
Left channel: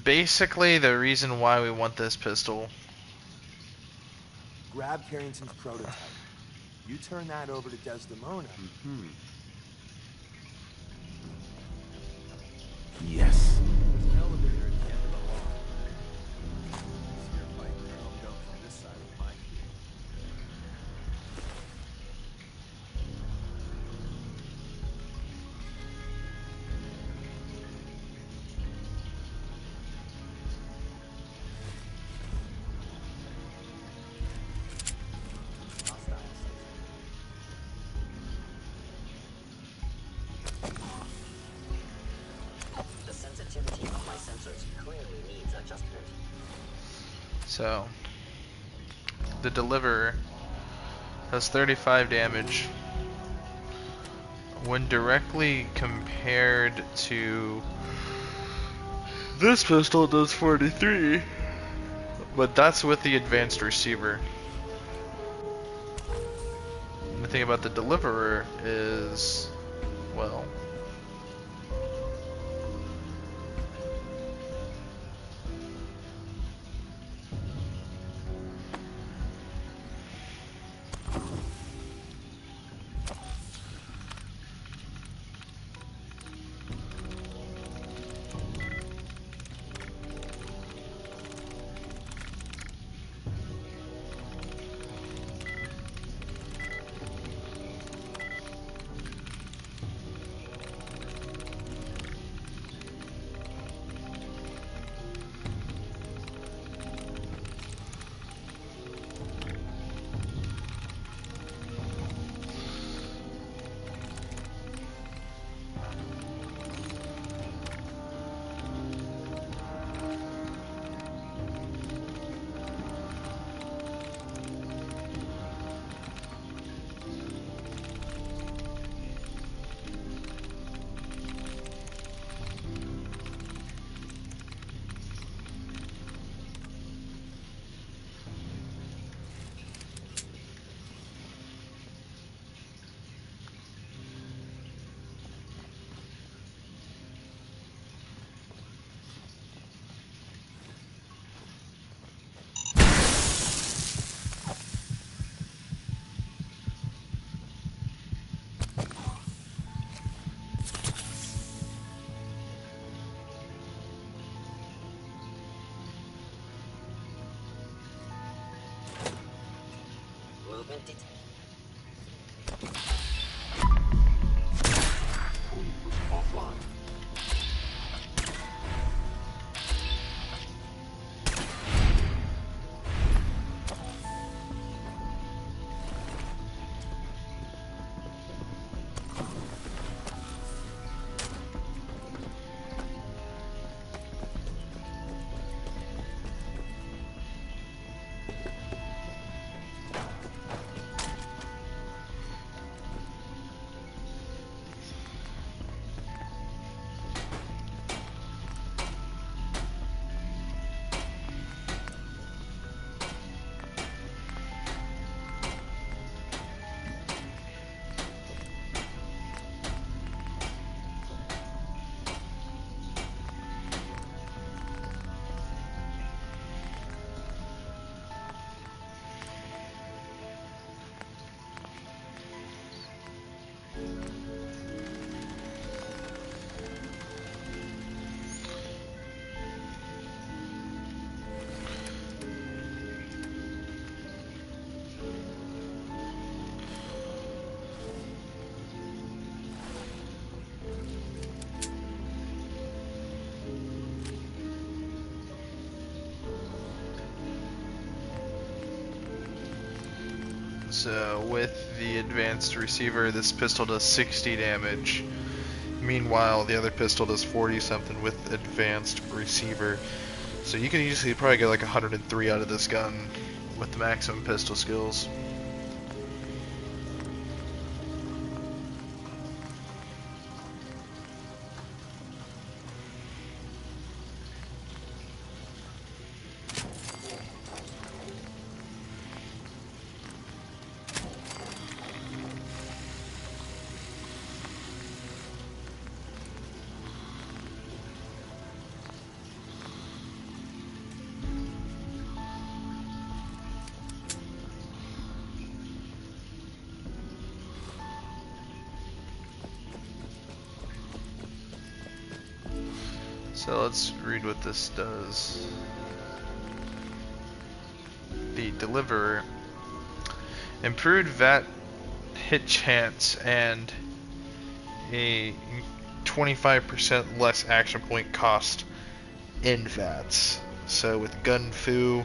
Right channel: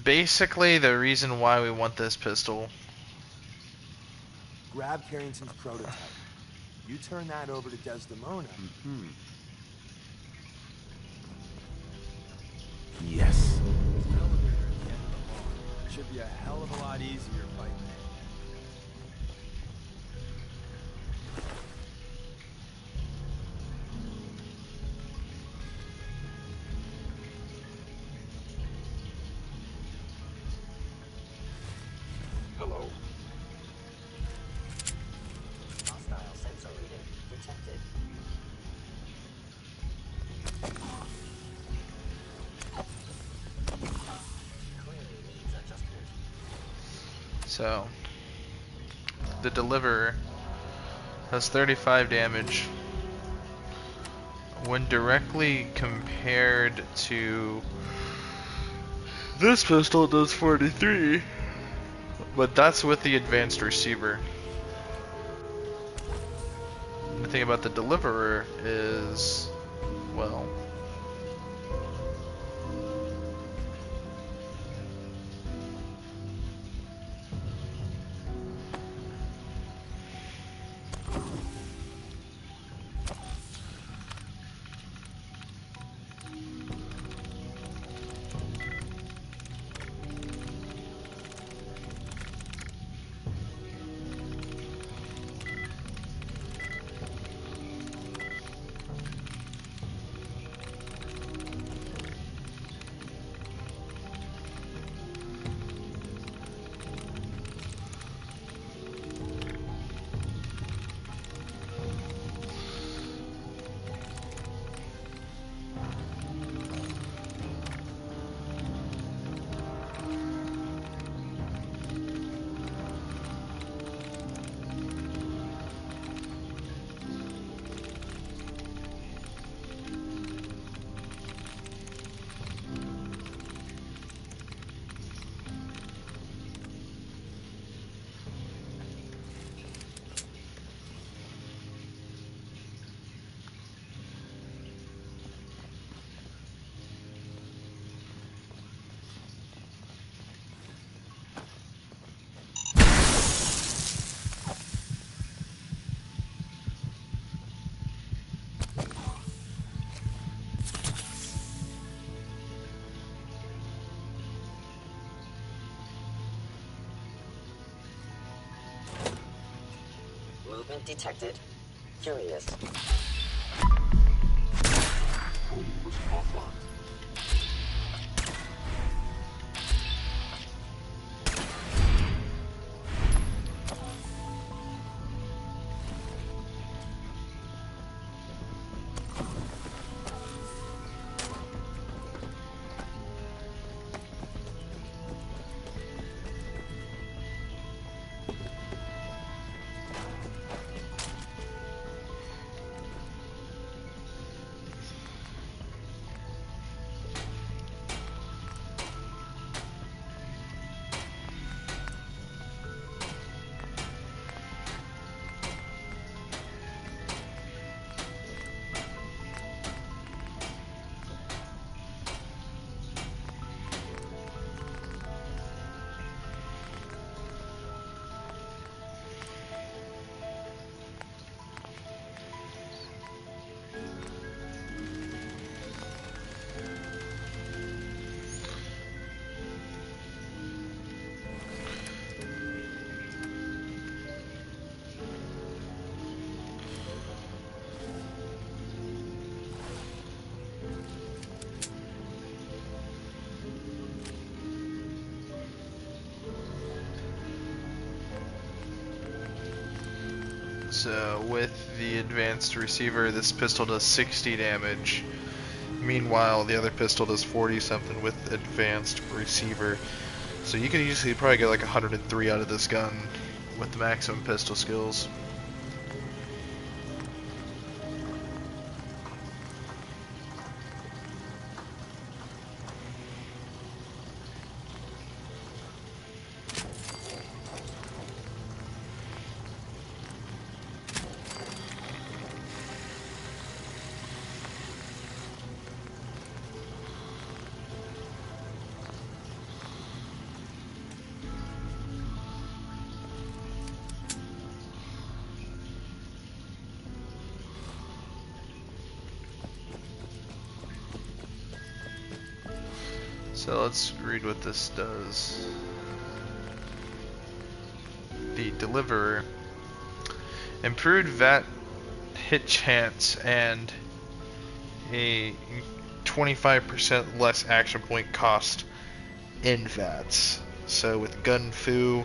basically the reason why we want this pistol. Grab Carrington's prototype. You turn that over to Desdemona. Yes. There's an elevator at the end of the hall. Should be a hell of a lot easier fighting Chrome from this side of the line. Hello. Hostile sensor detected. The sensitivity of my sensors clearly needs adjustment. So, the Deliverer has 35 damage. When directly compared to this pistol, it does 43. But that's with the advanced receiver. And the thing about the Deliverer is, well, movement detected. Curious. Offline. So with the advanced receiver, this pistol does 60 damage. Meanwhile, the other pistol does 40 something with advanced receiver. So you can easily probably get like 103 out of this gun with the maximum pistol skills. So let's read what this does. The Deliverer. Improved VAT hit chance and a 25% less action point cost in VATs. So with Gun Fu,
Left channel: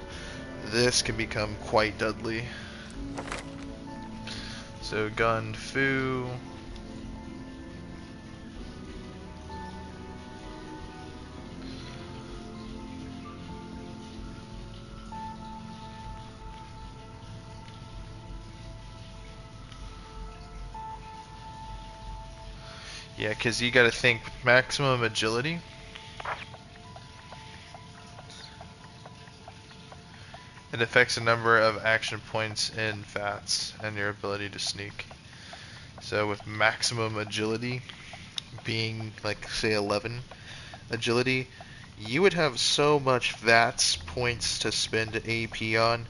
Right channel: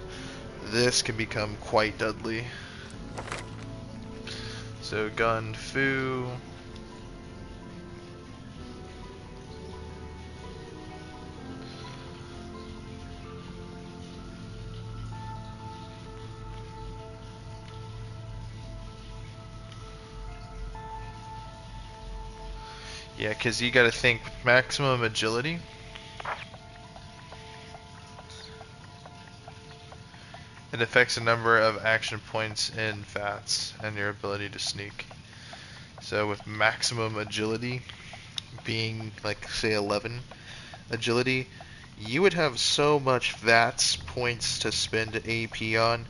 this can become quite deadly. So Gun Fu. Yeah, because you got to think maximum agility. It affects the number of action points in VATs and your ability to sneak. So with maximum agility being like say 11 agility, you would have so much VATs points to spend AP on.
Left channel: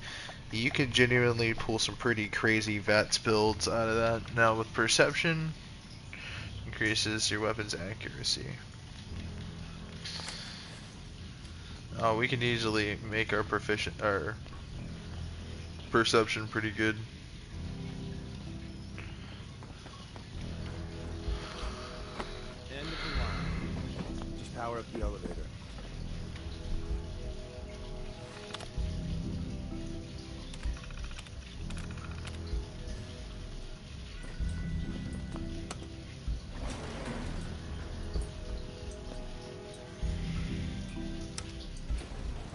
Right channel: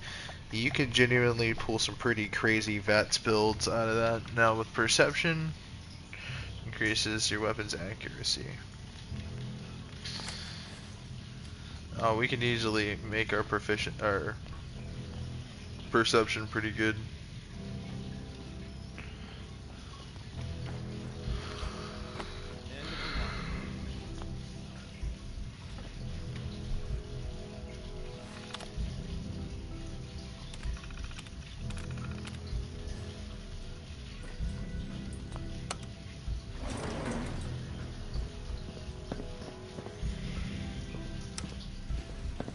You could genuinely pull some pretty crazy VATs builds out of that. Now with perception, increases your weapon's accuracy. Oh, we can easily make our perception pretty good. End of the line. Just power up the elevator.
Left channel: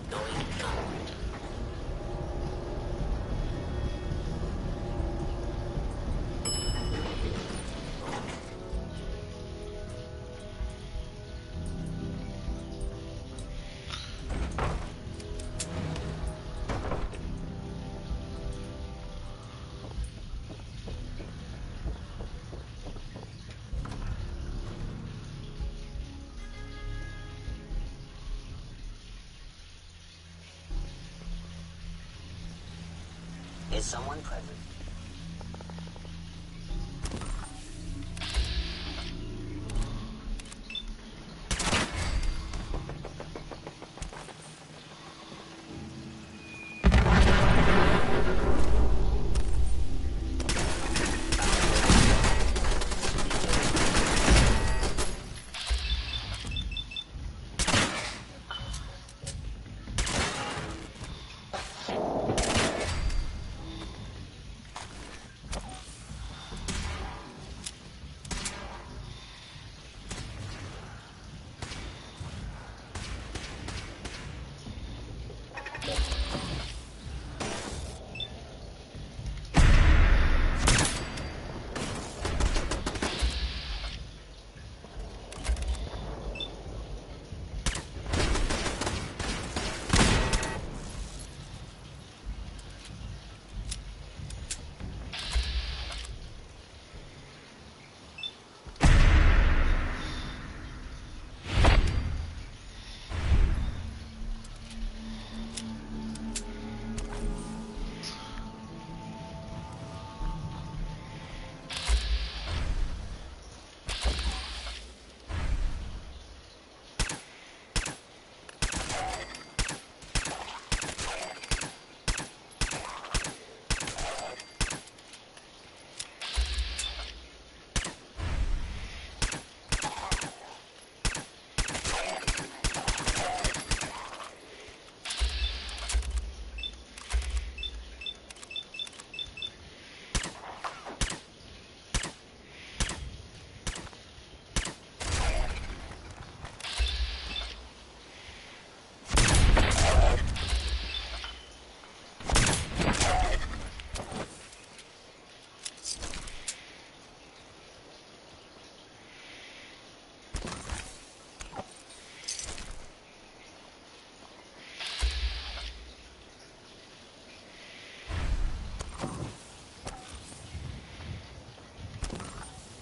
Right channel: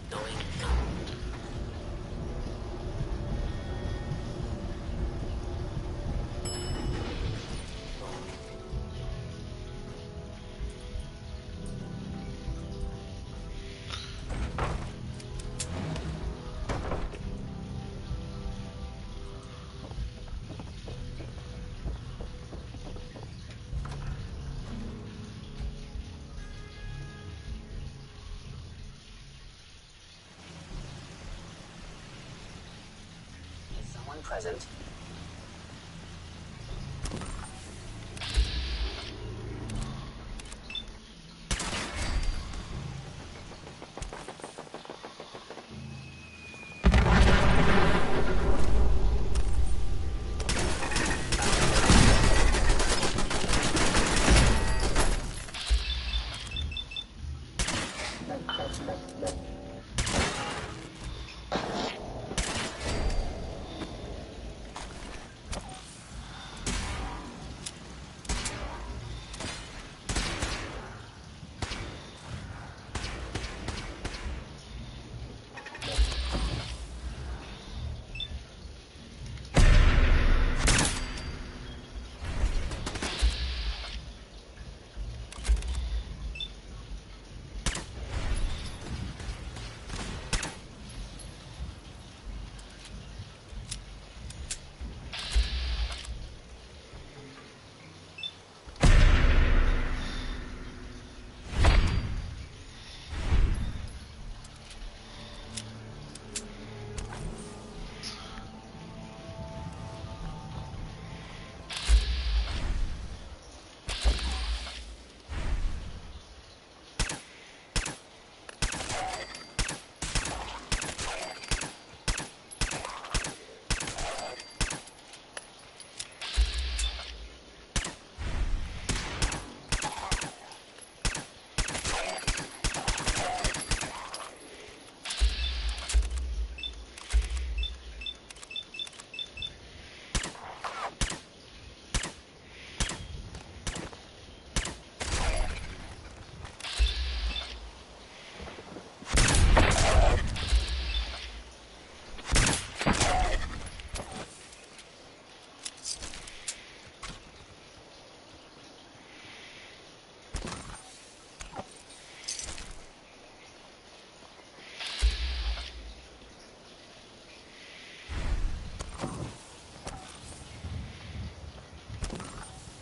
Going go. Is someone present?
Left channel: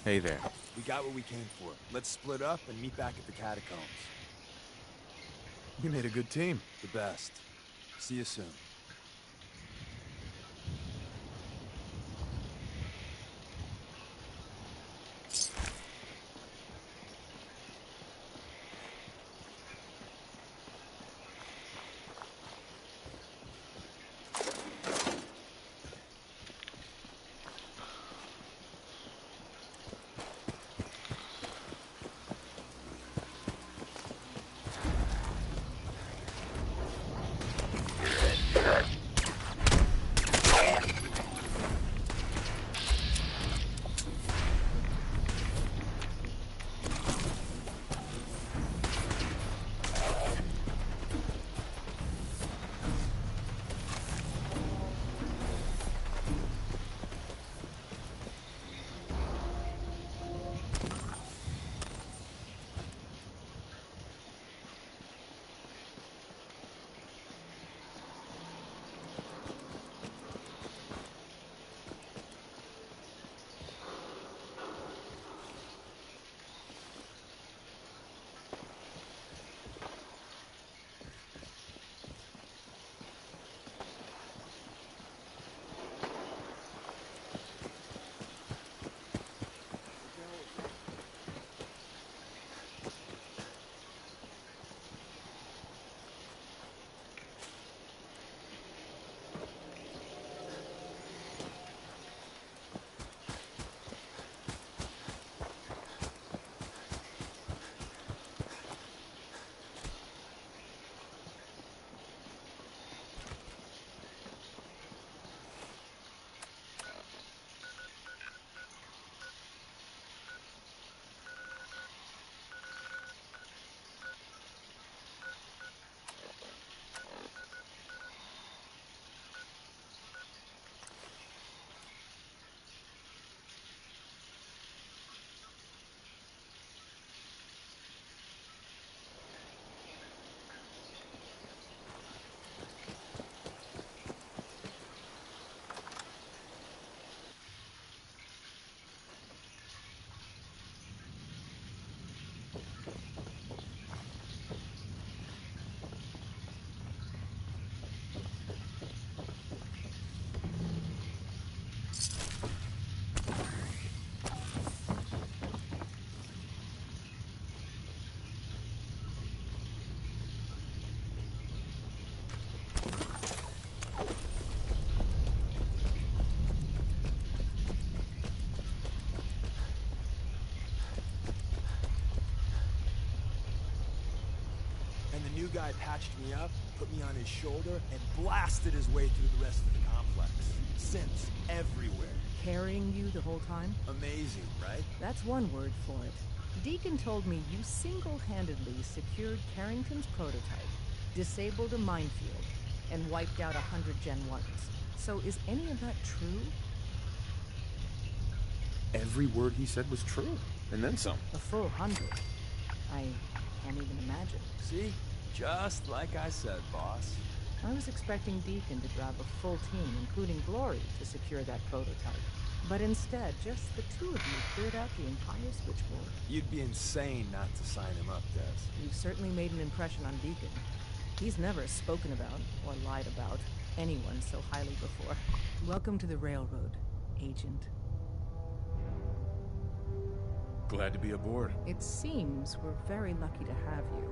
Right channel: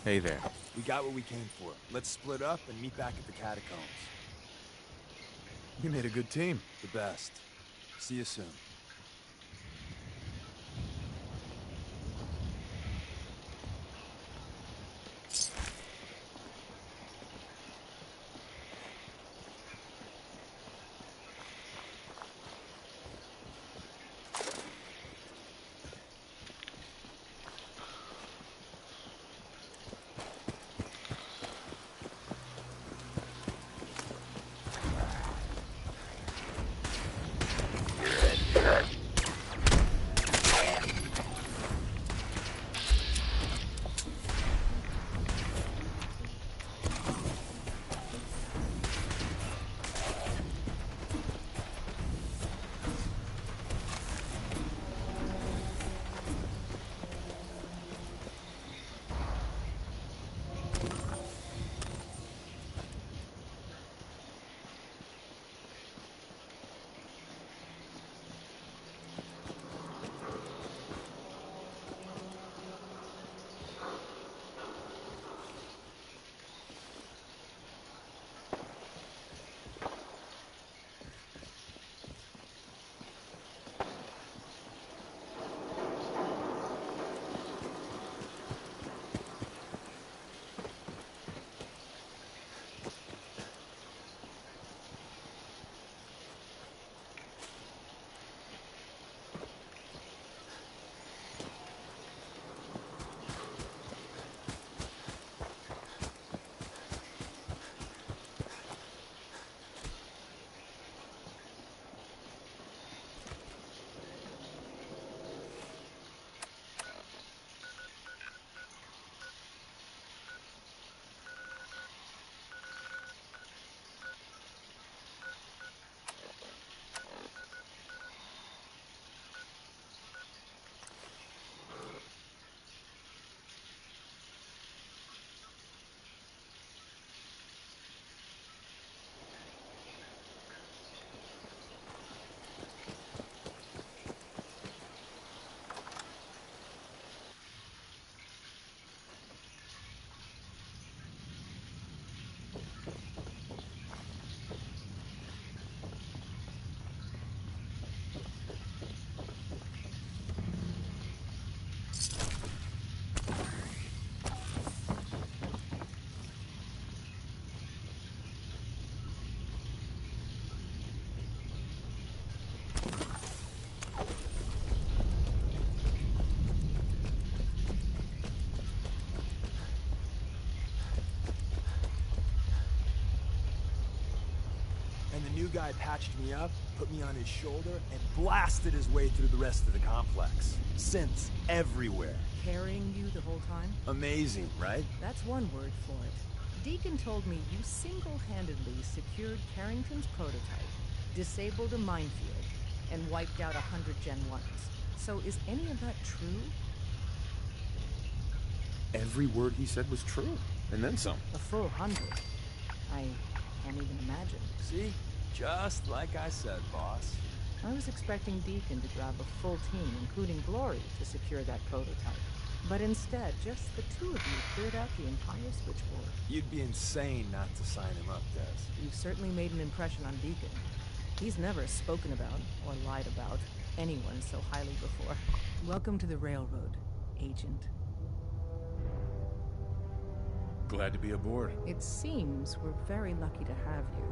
Hey there. We got what we came for. Let's split up and meet back at the catacombs. We made a good team. The best. See you soon. And the new guy patched me up, put me on his shoulder, and blasted his way through the rest of the complex. Synths everywhere. Carrying you the whole time? Amazing, right? That's one word for it. Deacon told me you single-handedly secured Carrington's prototype, disabled a minefield, and wiped out 100 Gen 1s. So is any of that true? Every word he said was true, and then some. A full 100. I can't even imagine. See? Just like I said, boss. I was expecting Deacon to grab a full team, including Glory, to secure that prototype. But instead, just the two of you cleared out the entire switchboard. You'd be insane not to sign him up, Des. You've certainly made an impression on Deacon. He's never spoken about, or lied about, anyone so highly before. Welcome to the Railroad, Agent. Glad to be aboard. It seems we're very lucky to have you.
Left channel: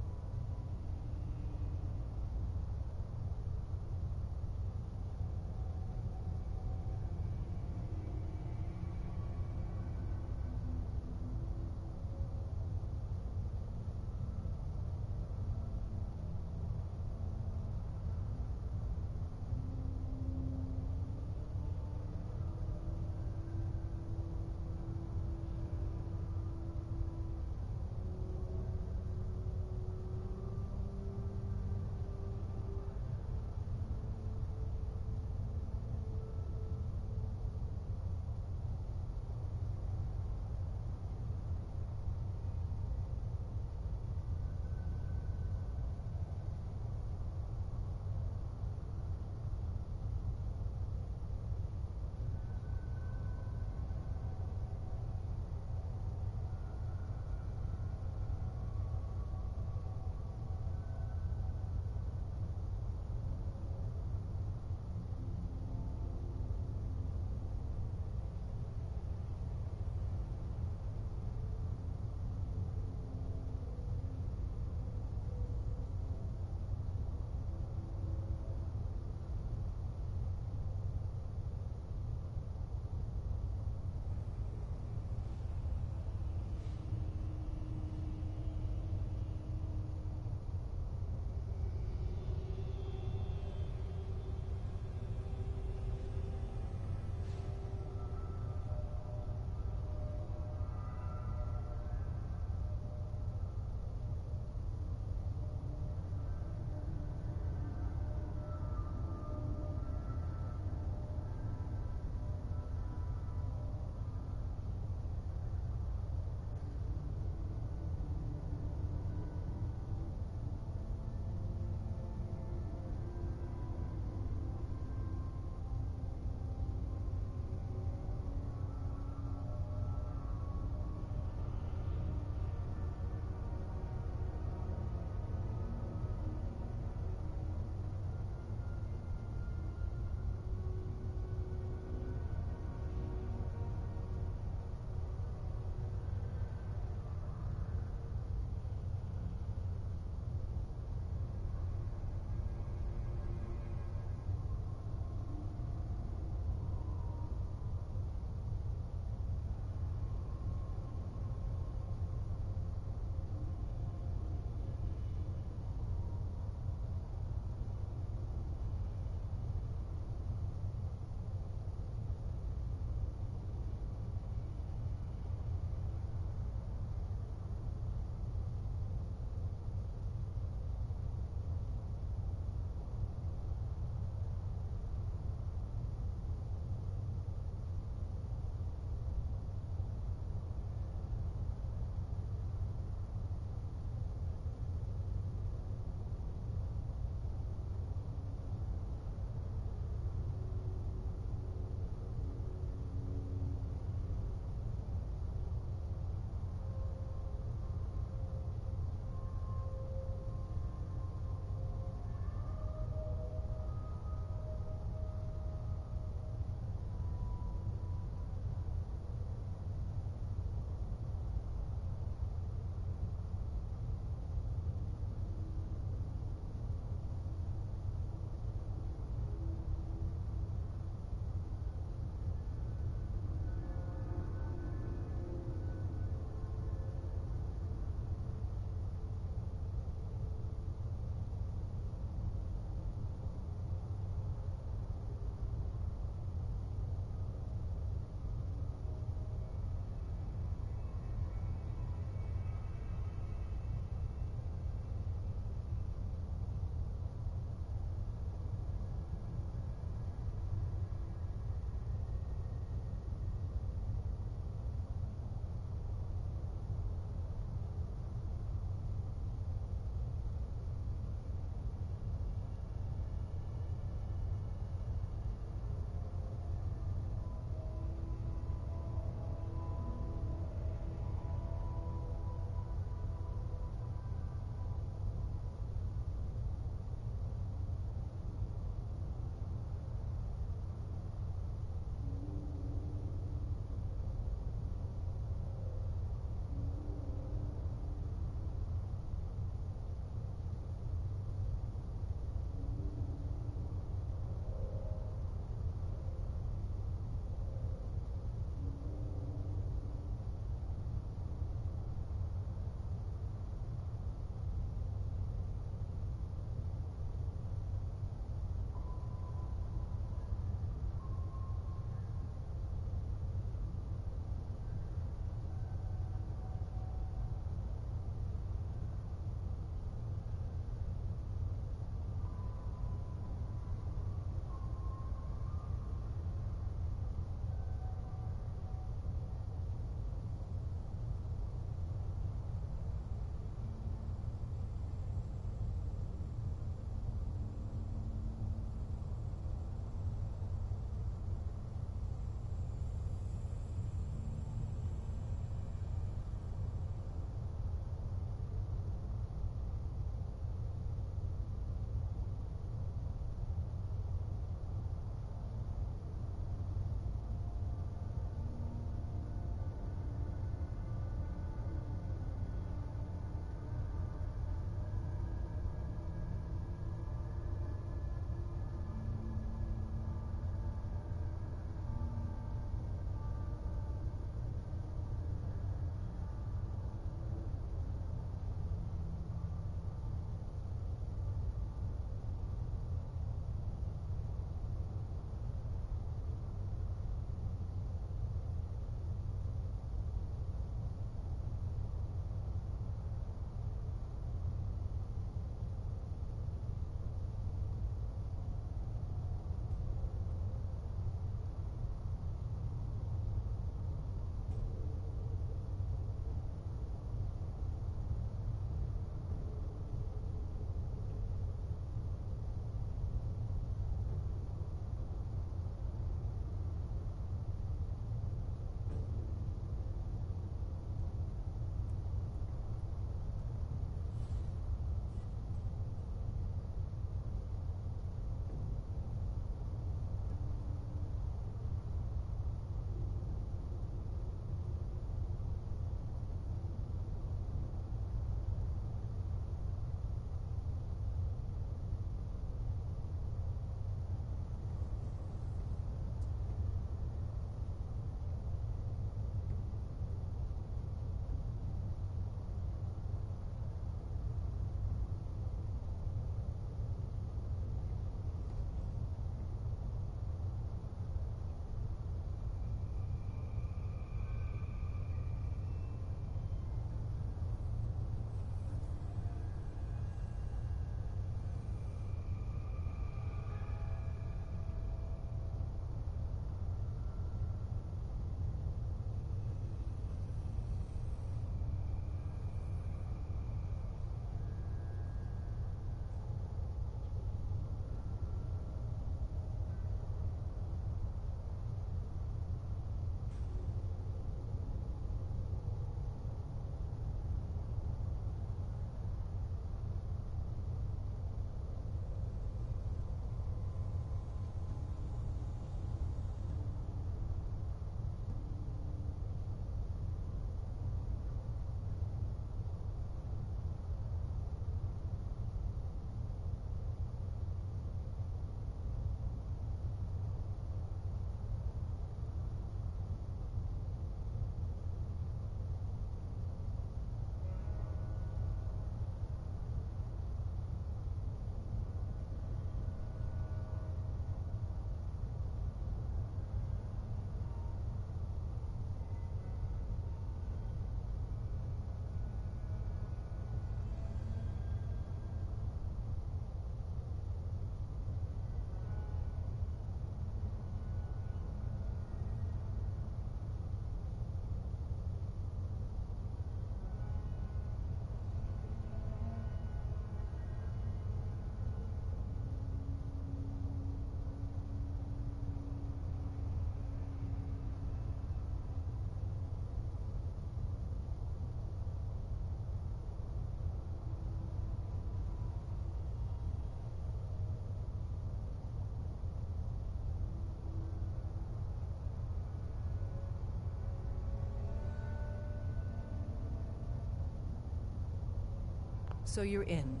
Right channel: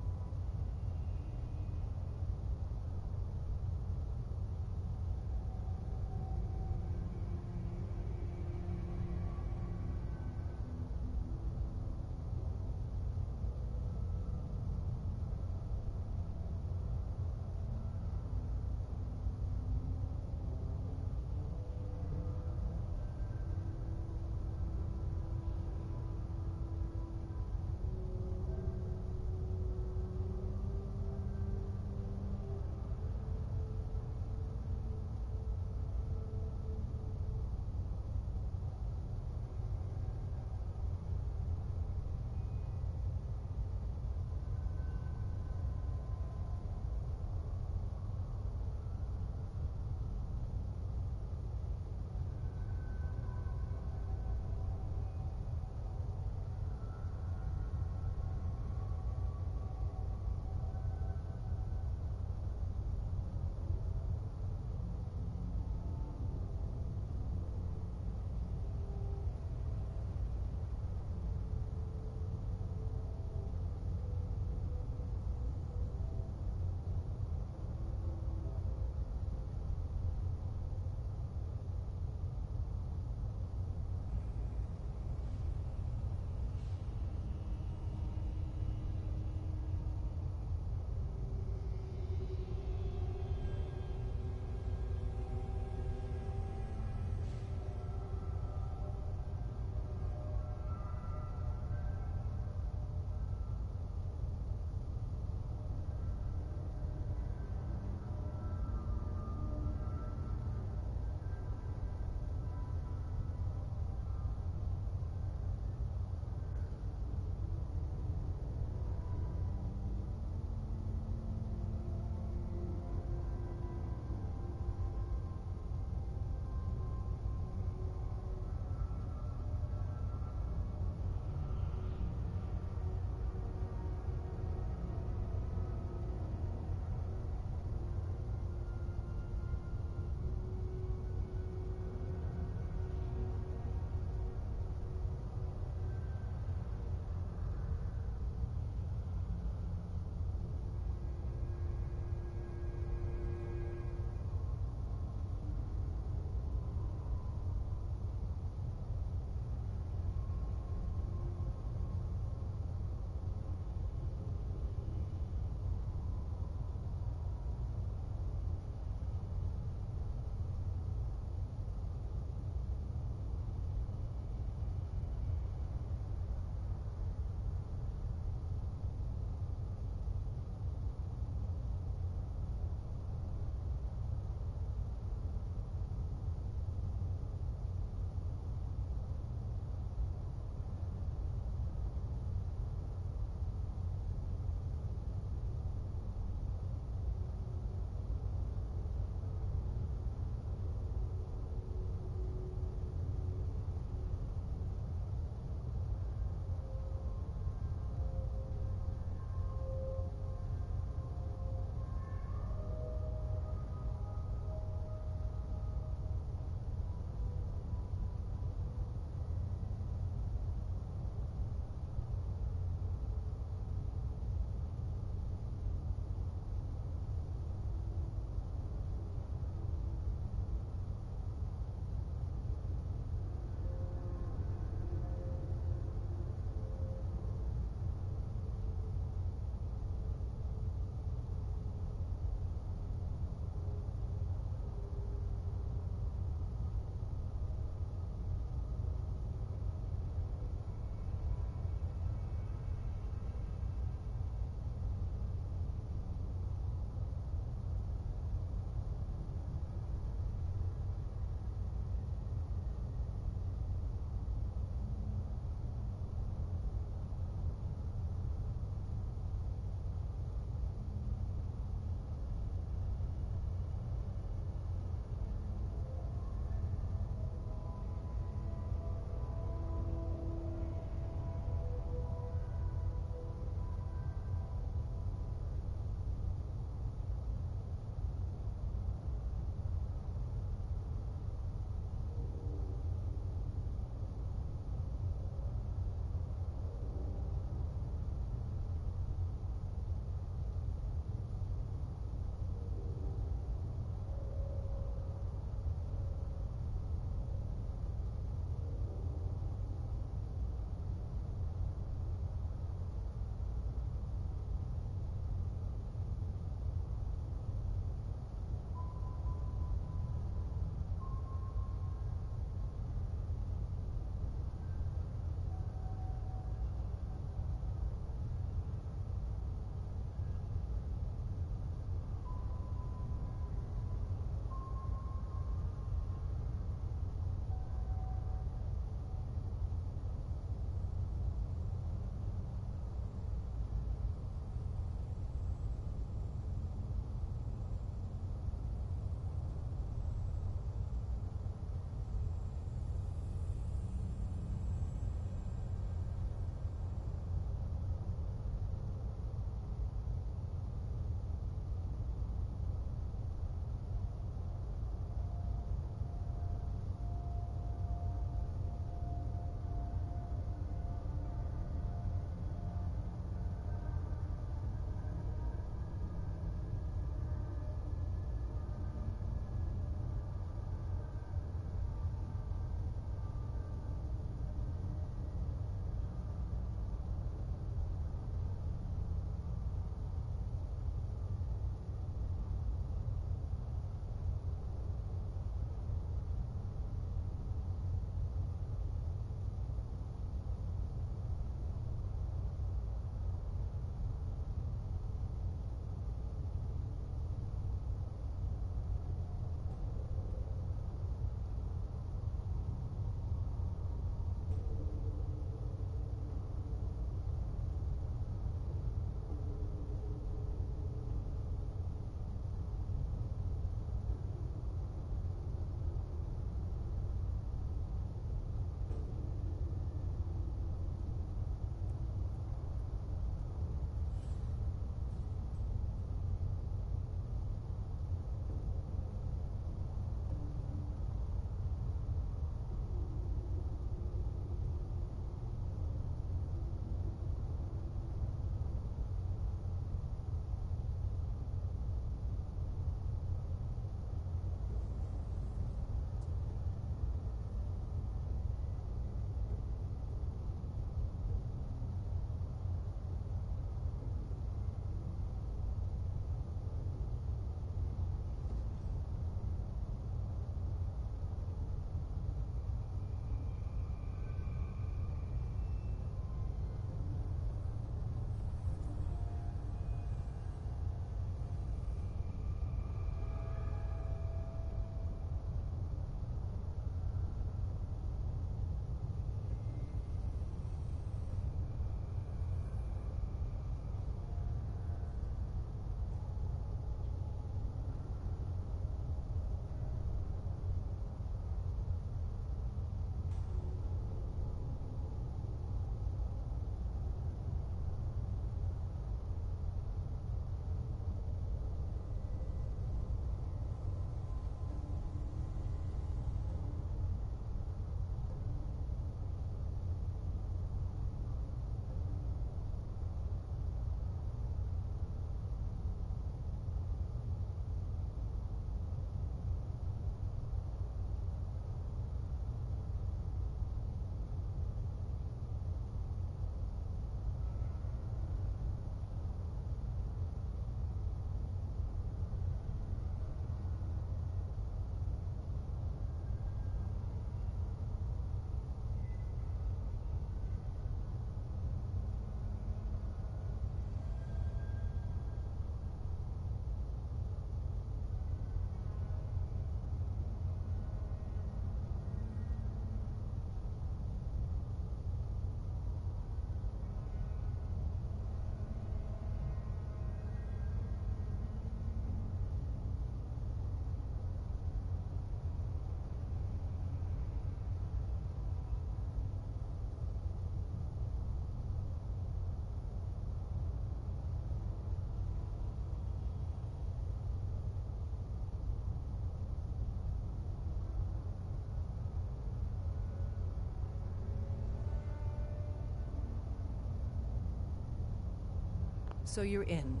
So you're in.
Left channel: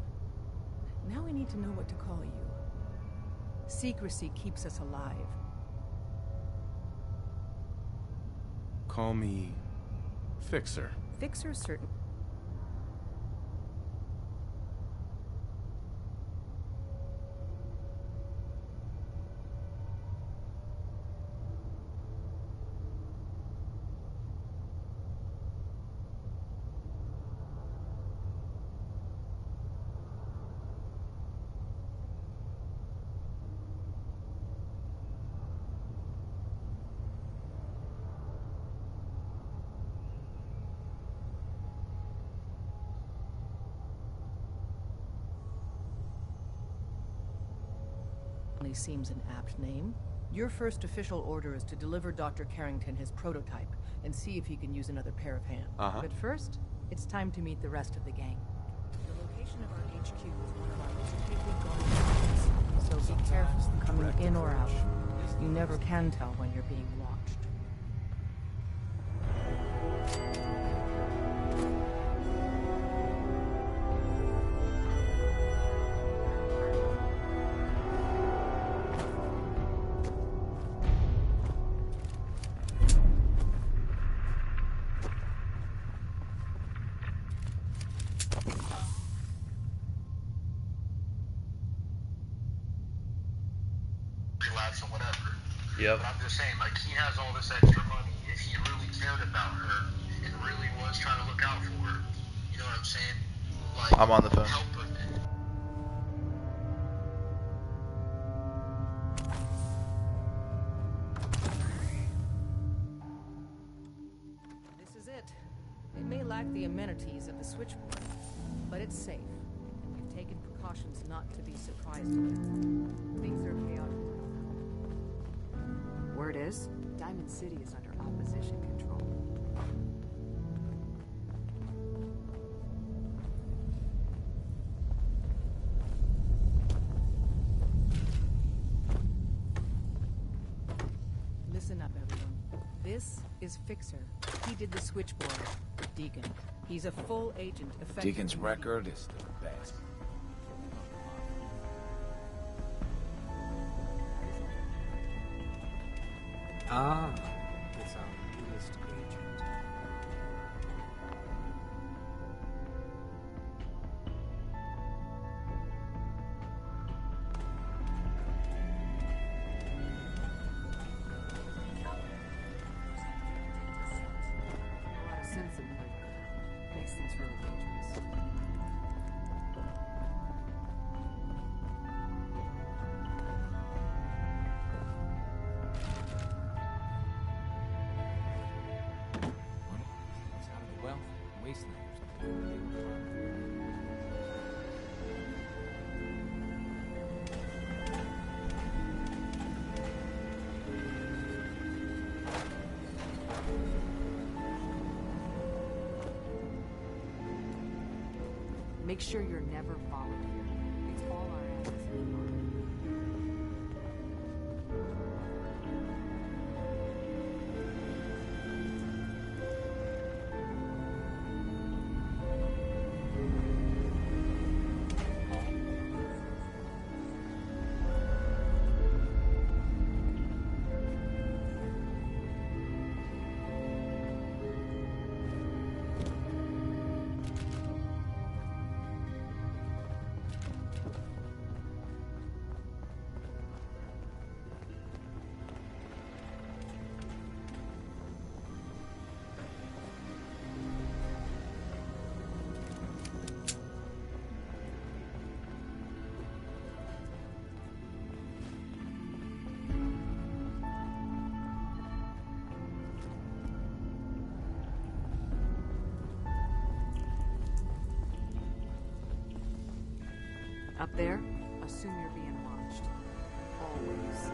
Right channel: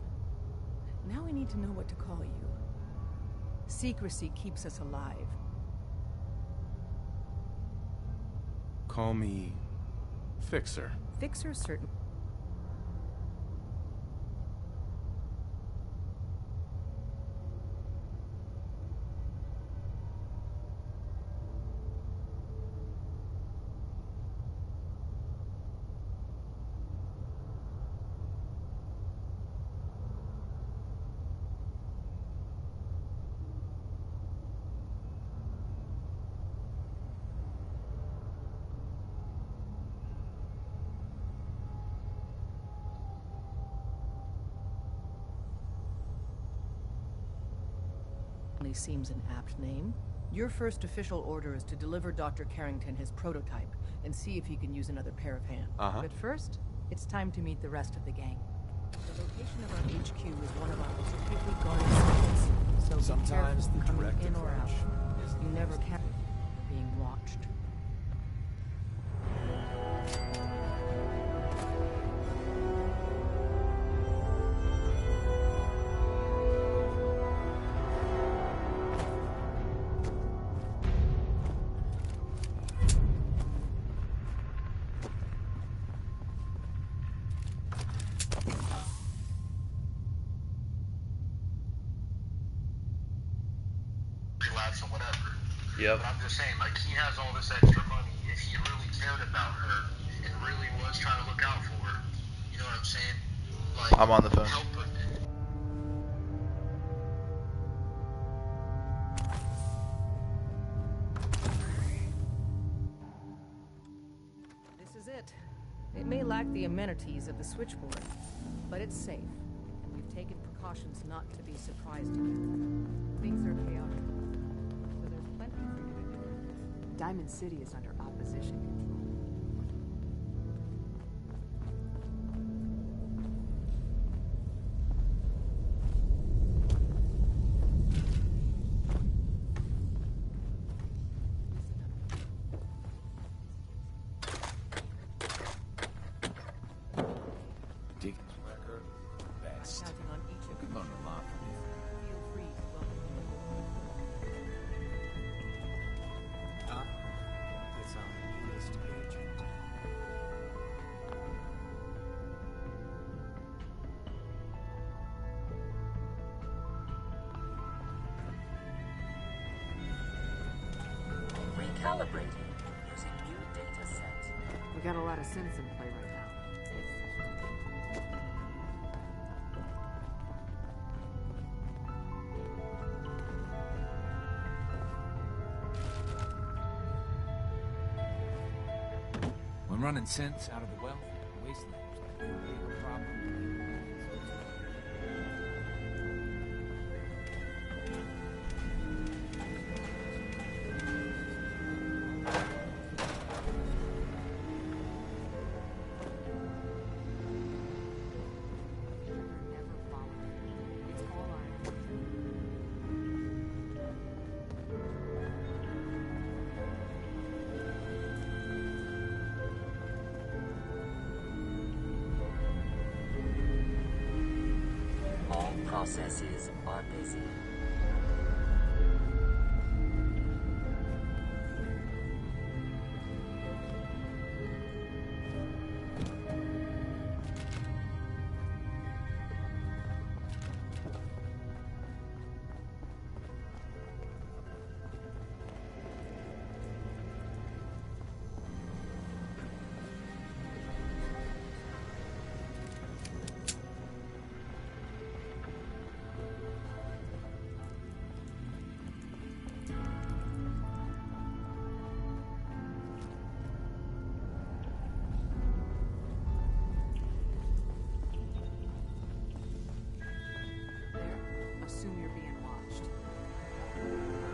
Now we need to know what to call you. Secrecy keeps us alive. Call me Fixer. Fixer certain. Seems an apt name. Your first official order is to deliver Dr. Carrington his prototype and see if he can use another pair of hands. But first, it's time to meet the rest of the gang. The location of our HQ is one of our most tightly guarded sectors, so be Sometimes careful the coming direct in or out. approach is You never can tell when you're being watched. Relapse or whatever. Yep. But I'm just saying, like, he has all this extra money. If he really cared about her and really was trying to look out for her, you know what I'm saying? Like, I'm on the phone. help her. This is it. It may lack the amenities of the switchboard, but it's safe, and we've taken precautions not to be surprised again. Things are chaotic. So there's plenty. Word is, Diamond City is under opposition control. Listen up, everyone. This is Fixer. He did the switchboard. Deacon. He's a full agent. Deacon's record is the best. Learned a lot from him. Ah, it's our newest agent. Recalibrating using new data set. We got a lot of synths in play right now. Makes things really dangerous. When running synths out of the well, wastelanders can be a bigger problem. Make sure you're never followed here. It's all our assets. All processes are busy. Up there, assume you're being watched. Always.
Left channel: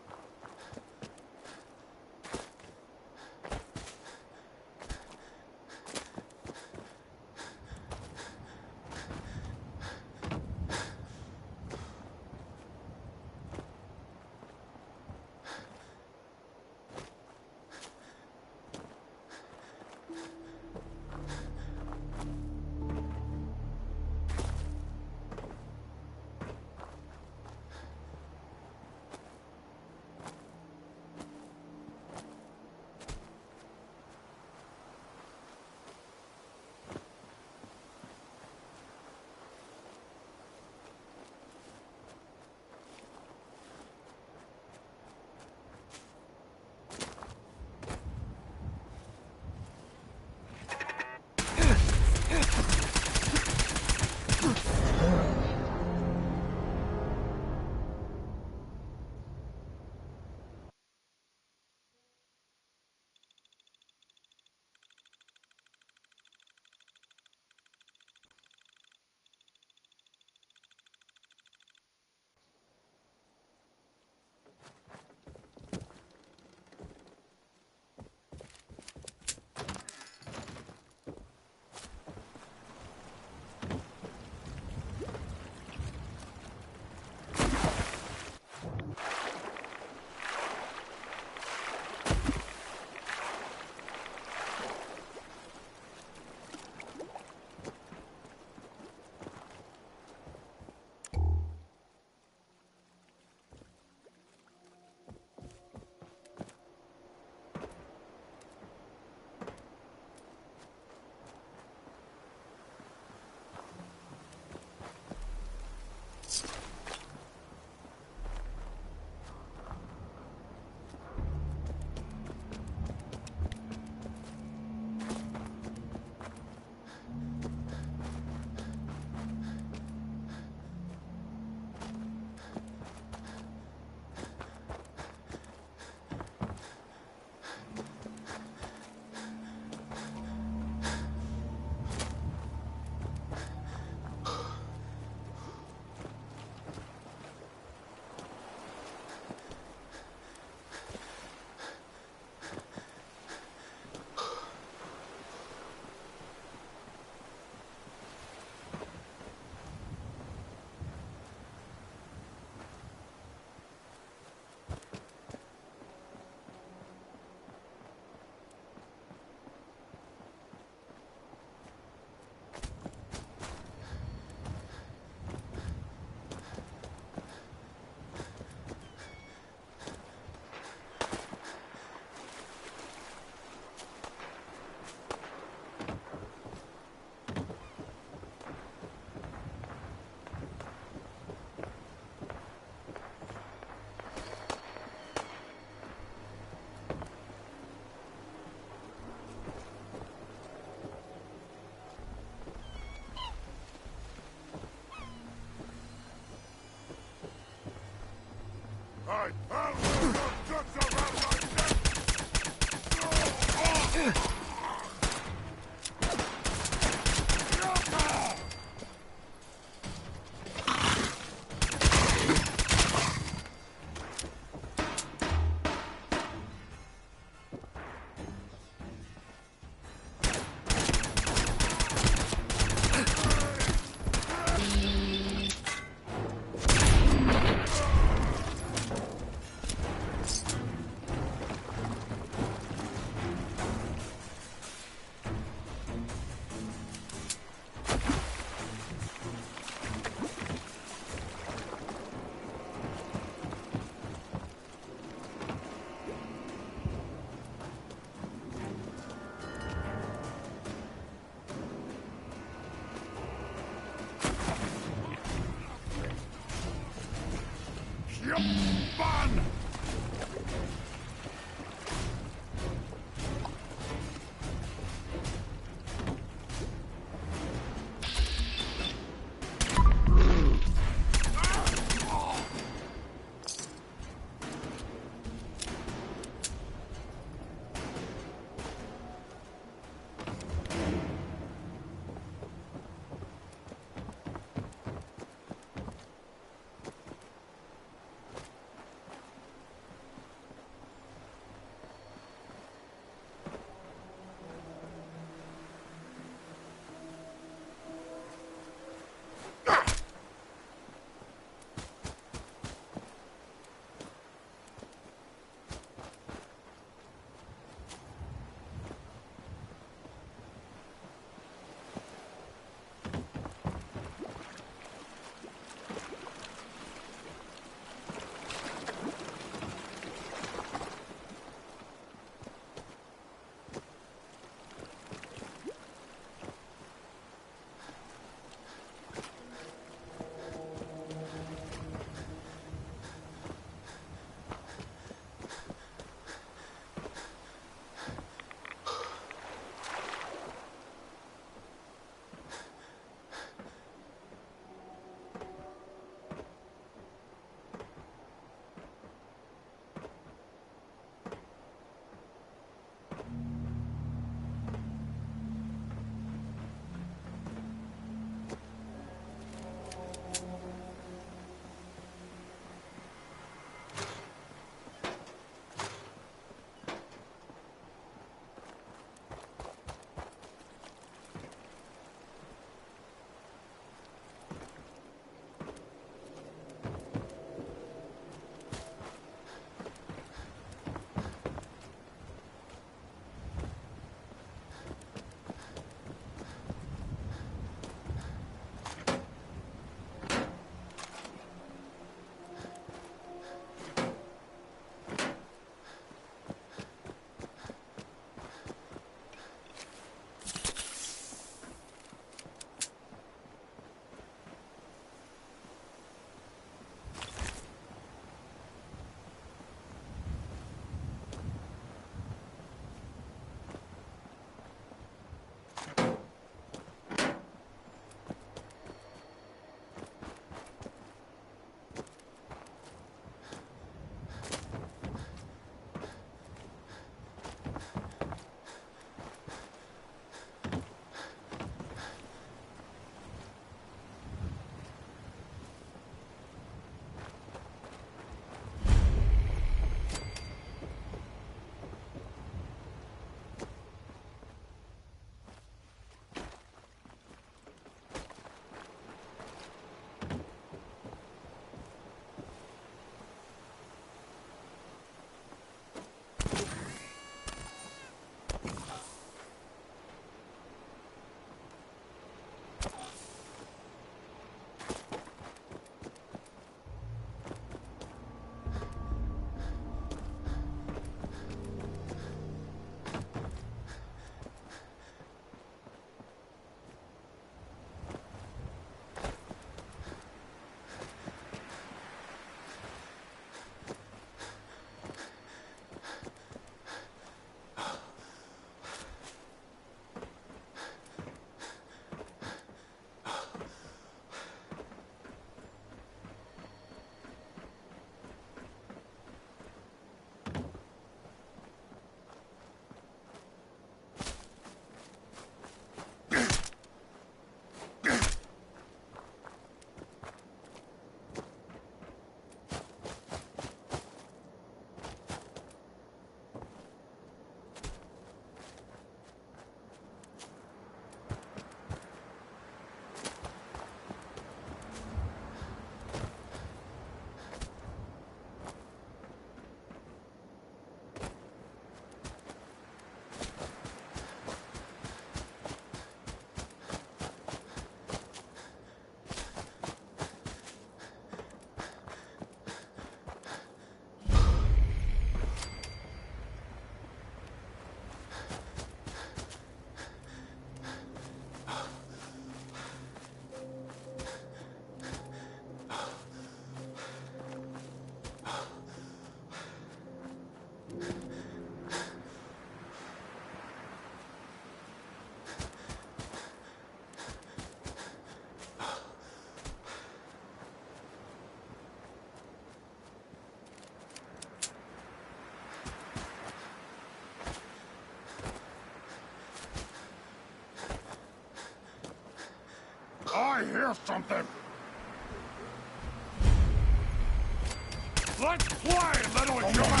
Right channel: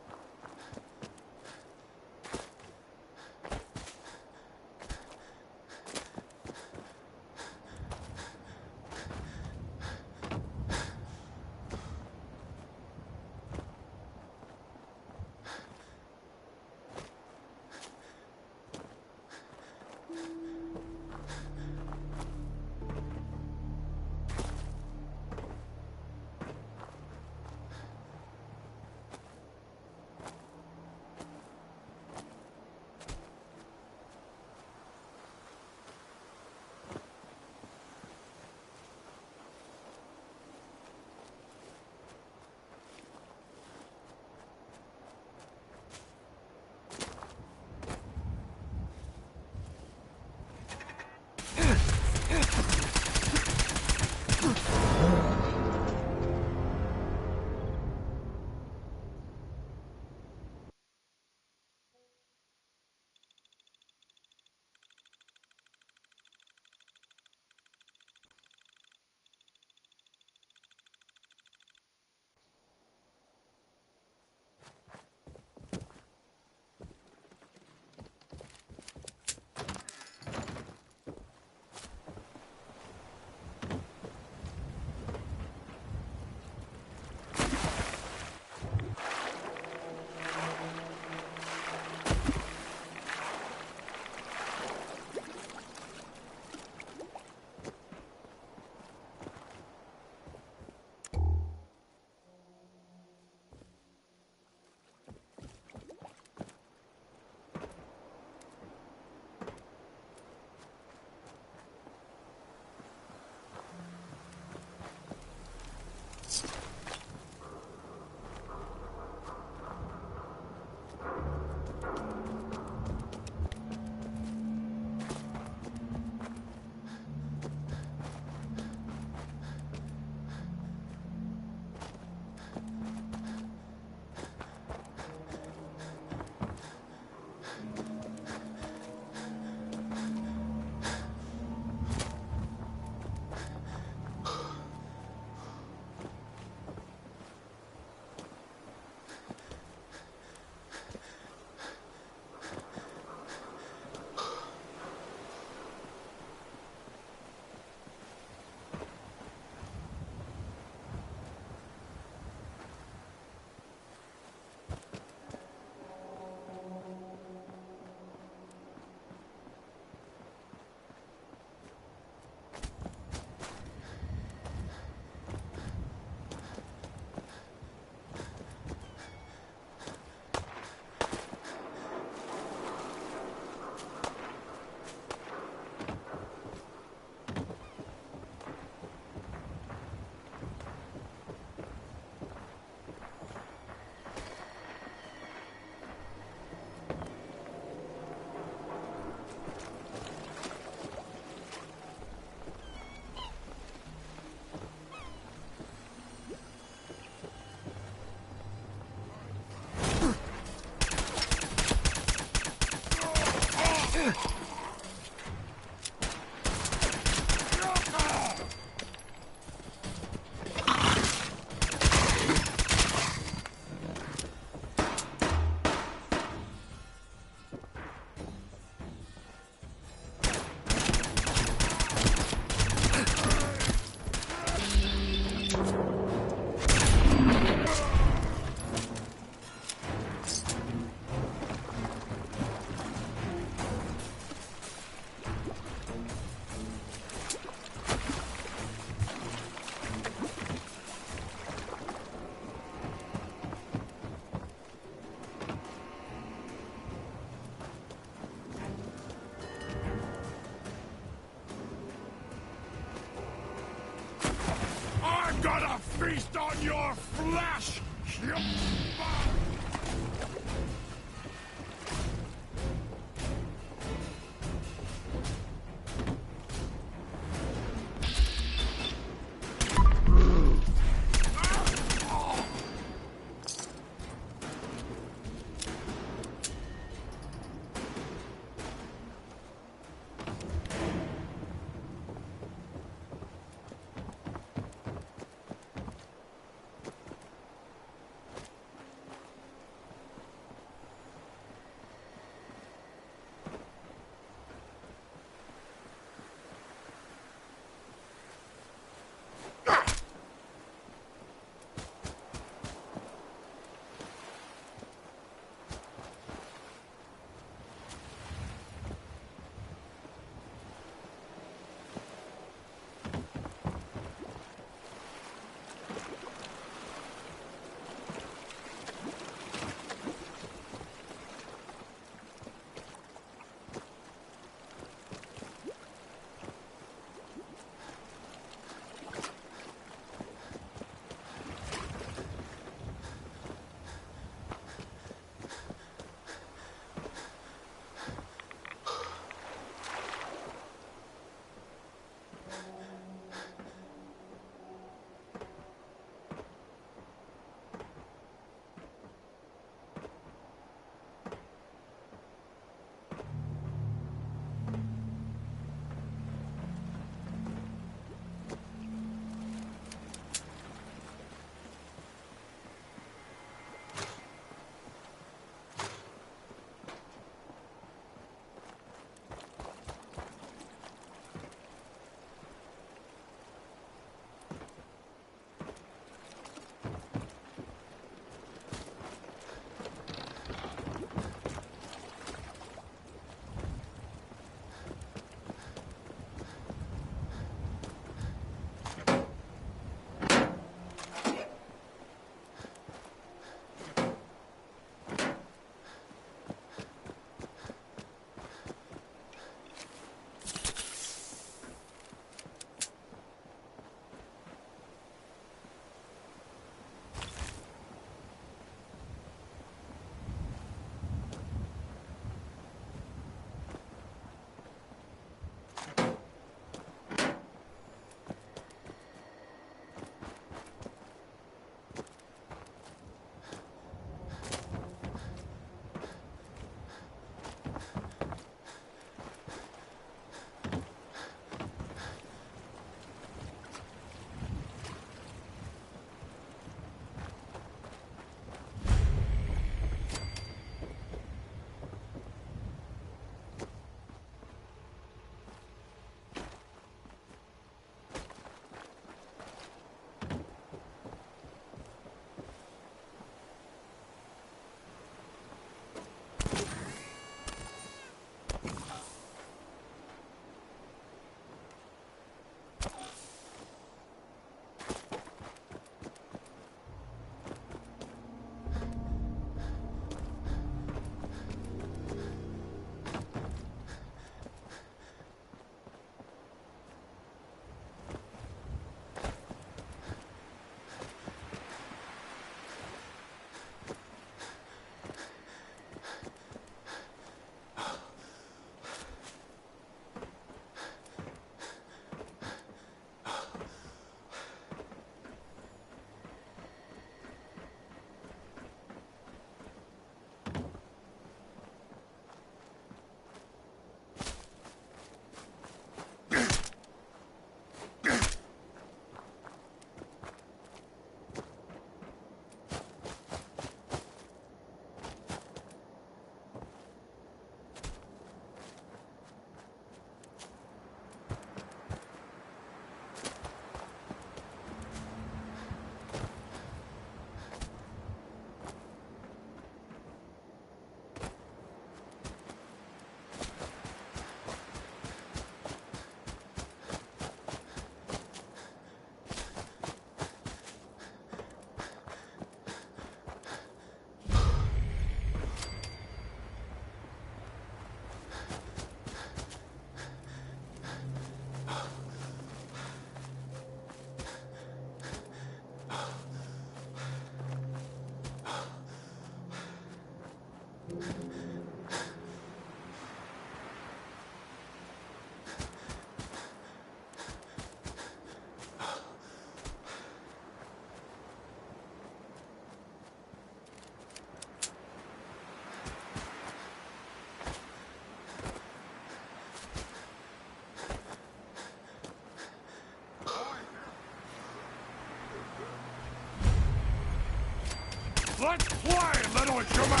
Let's play, little human!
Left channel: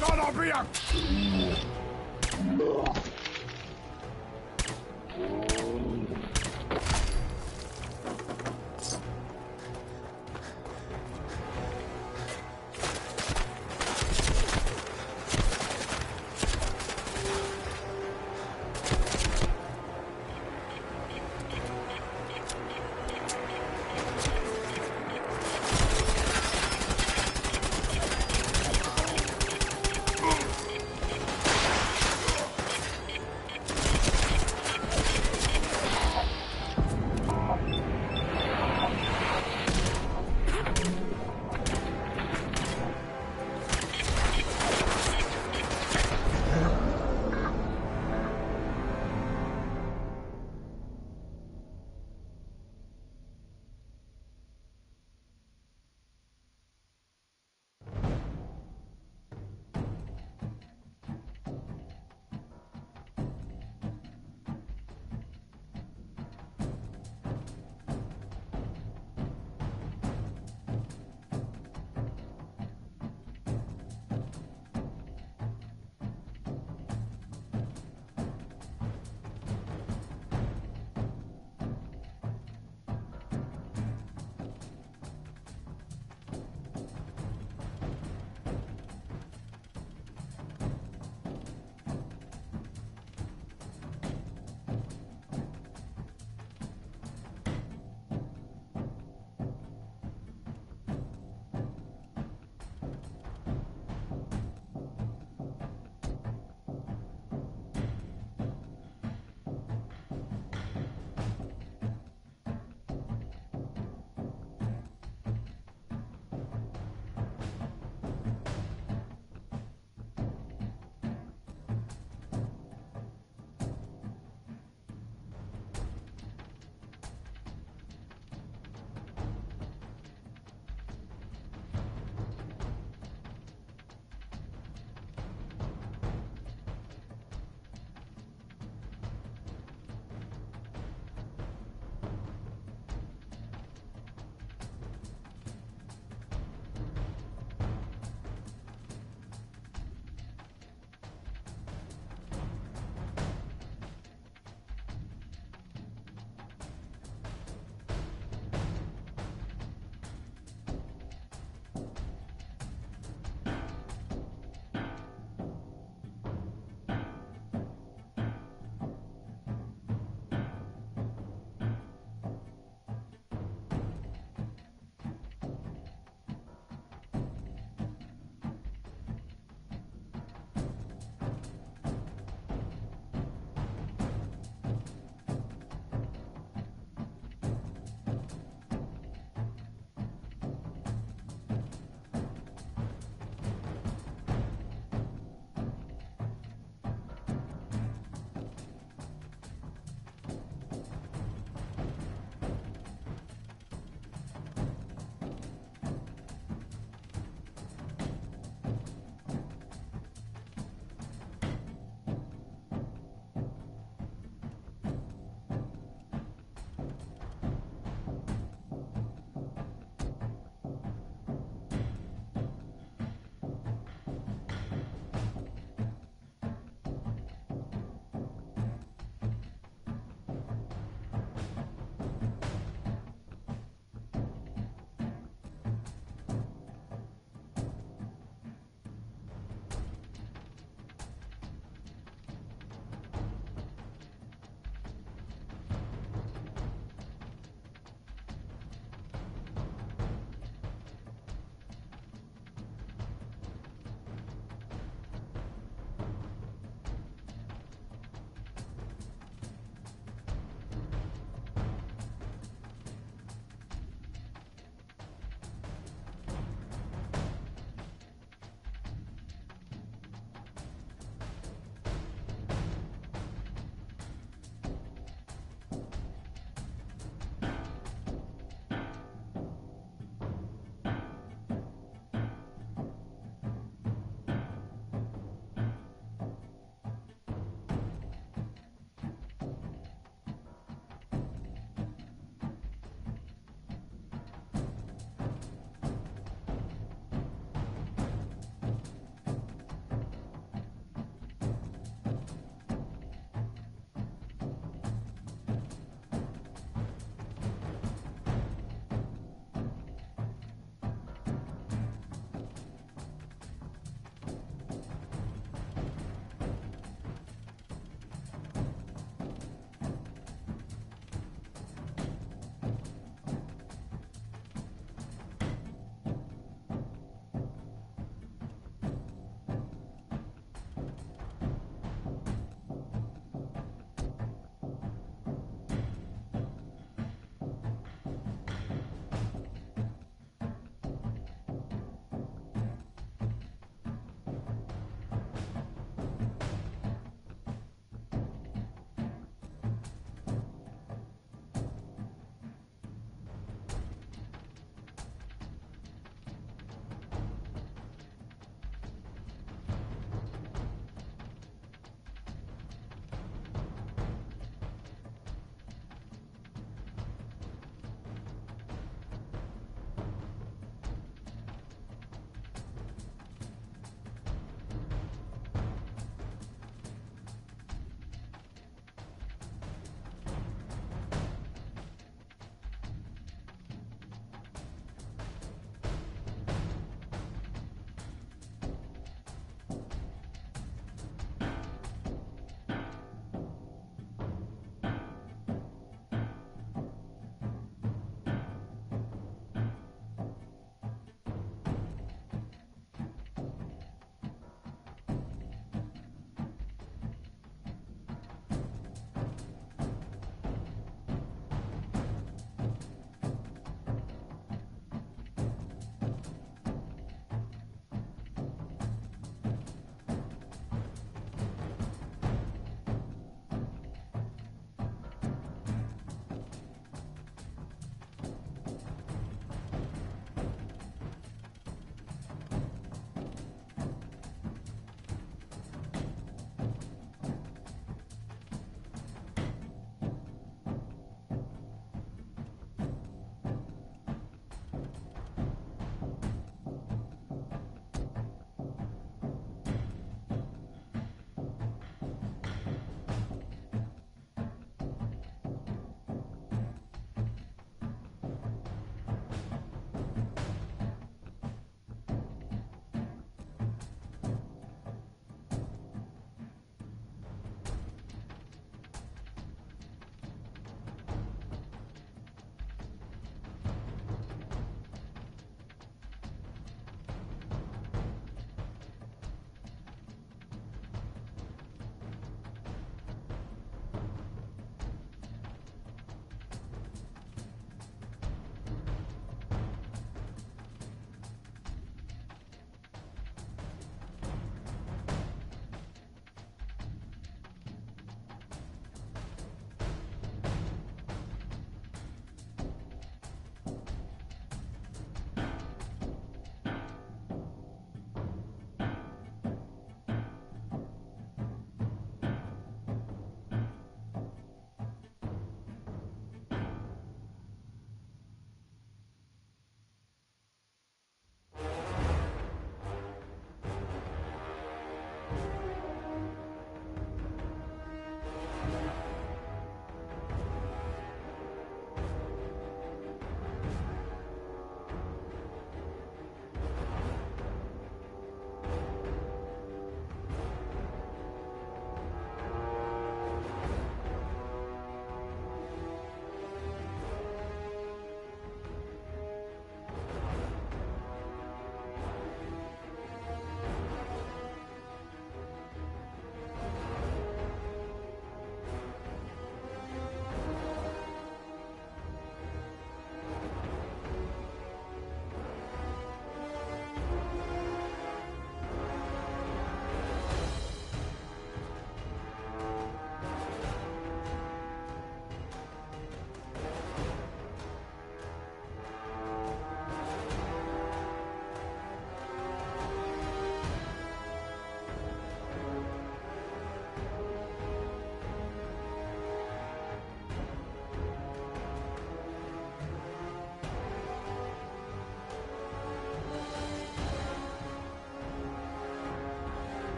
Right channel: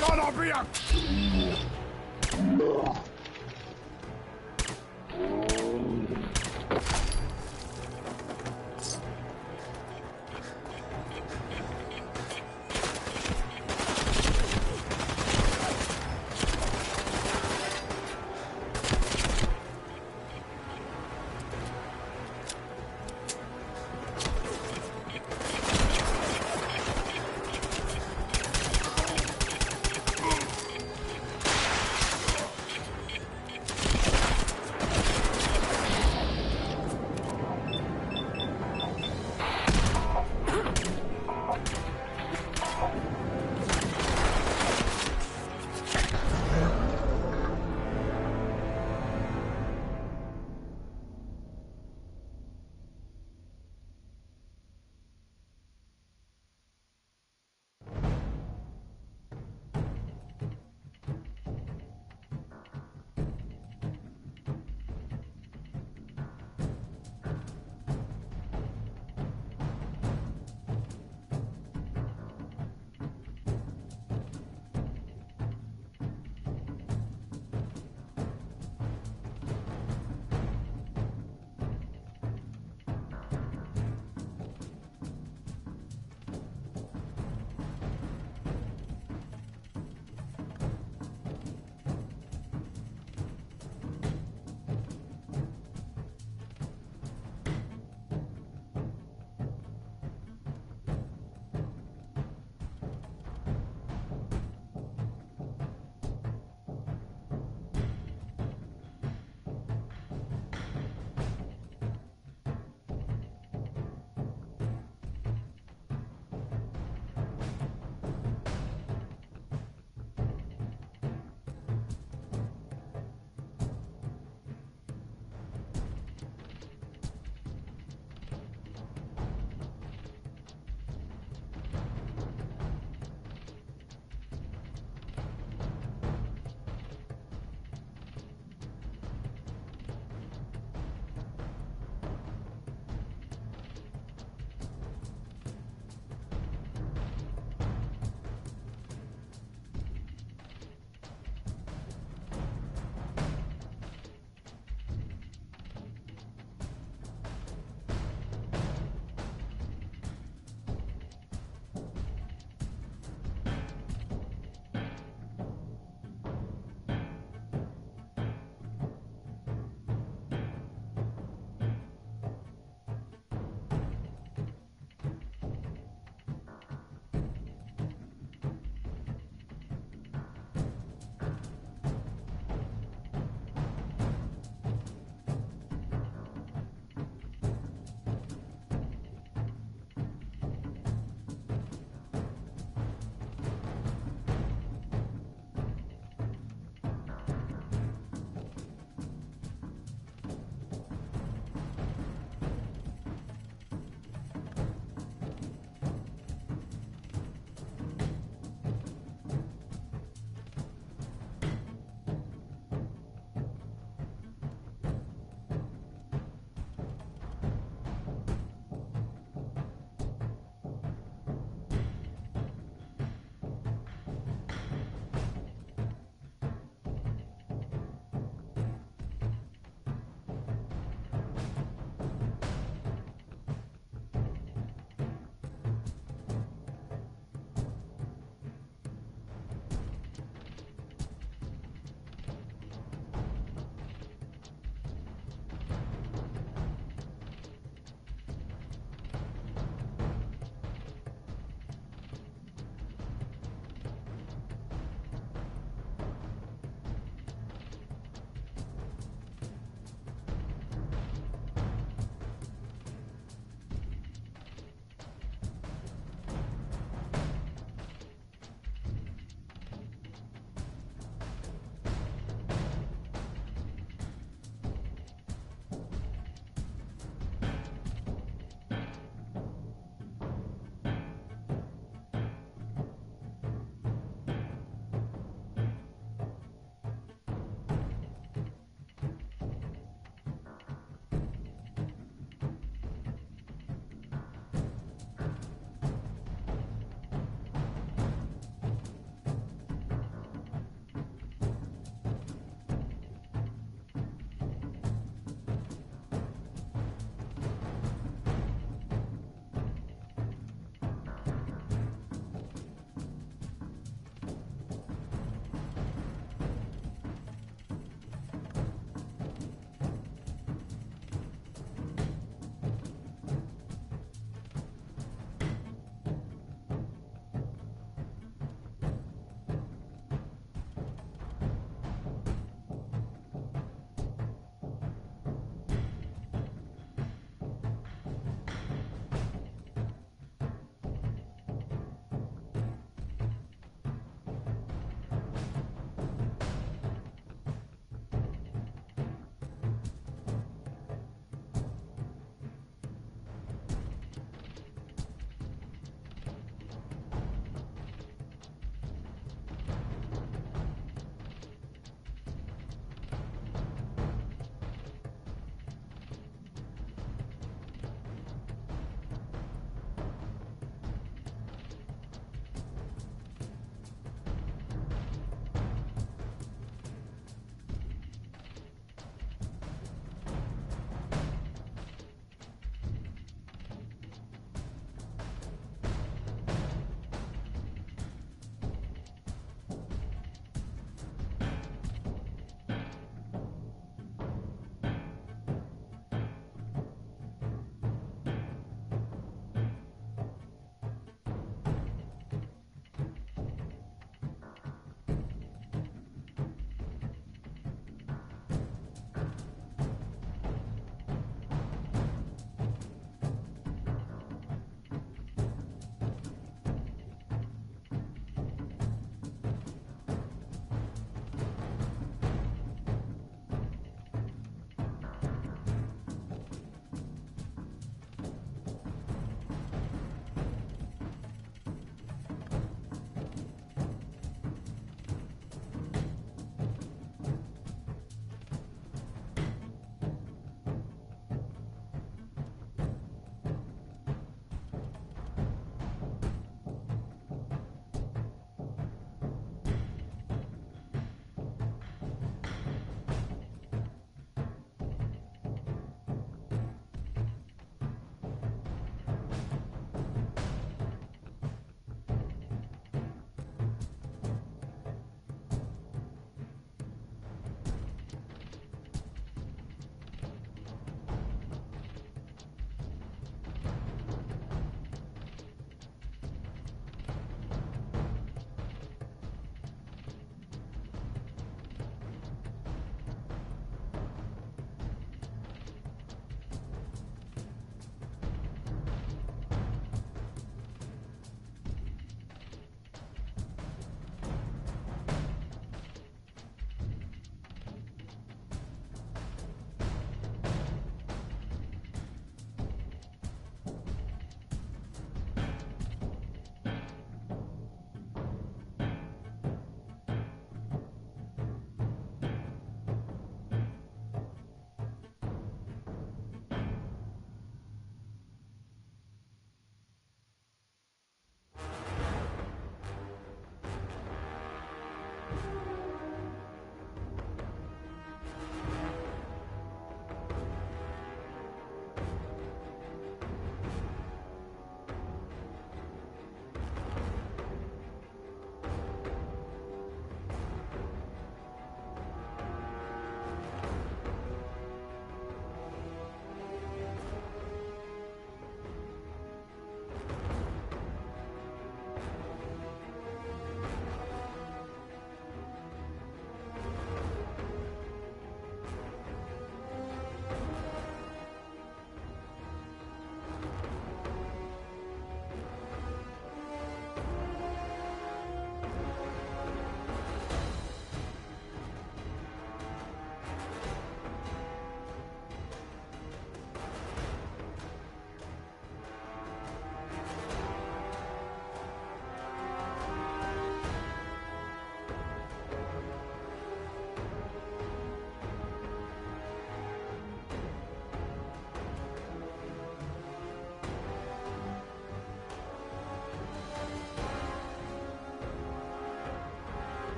Gonna be a...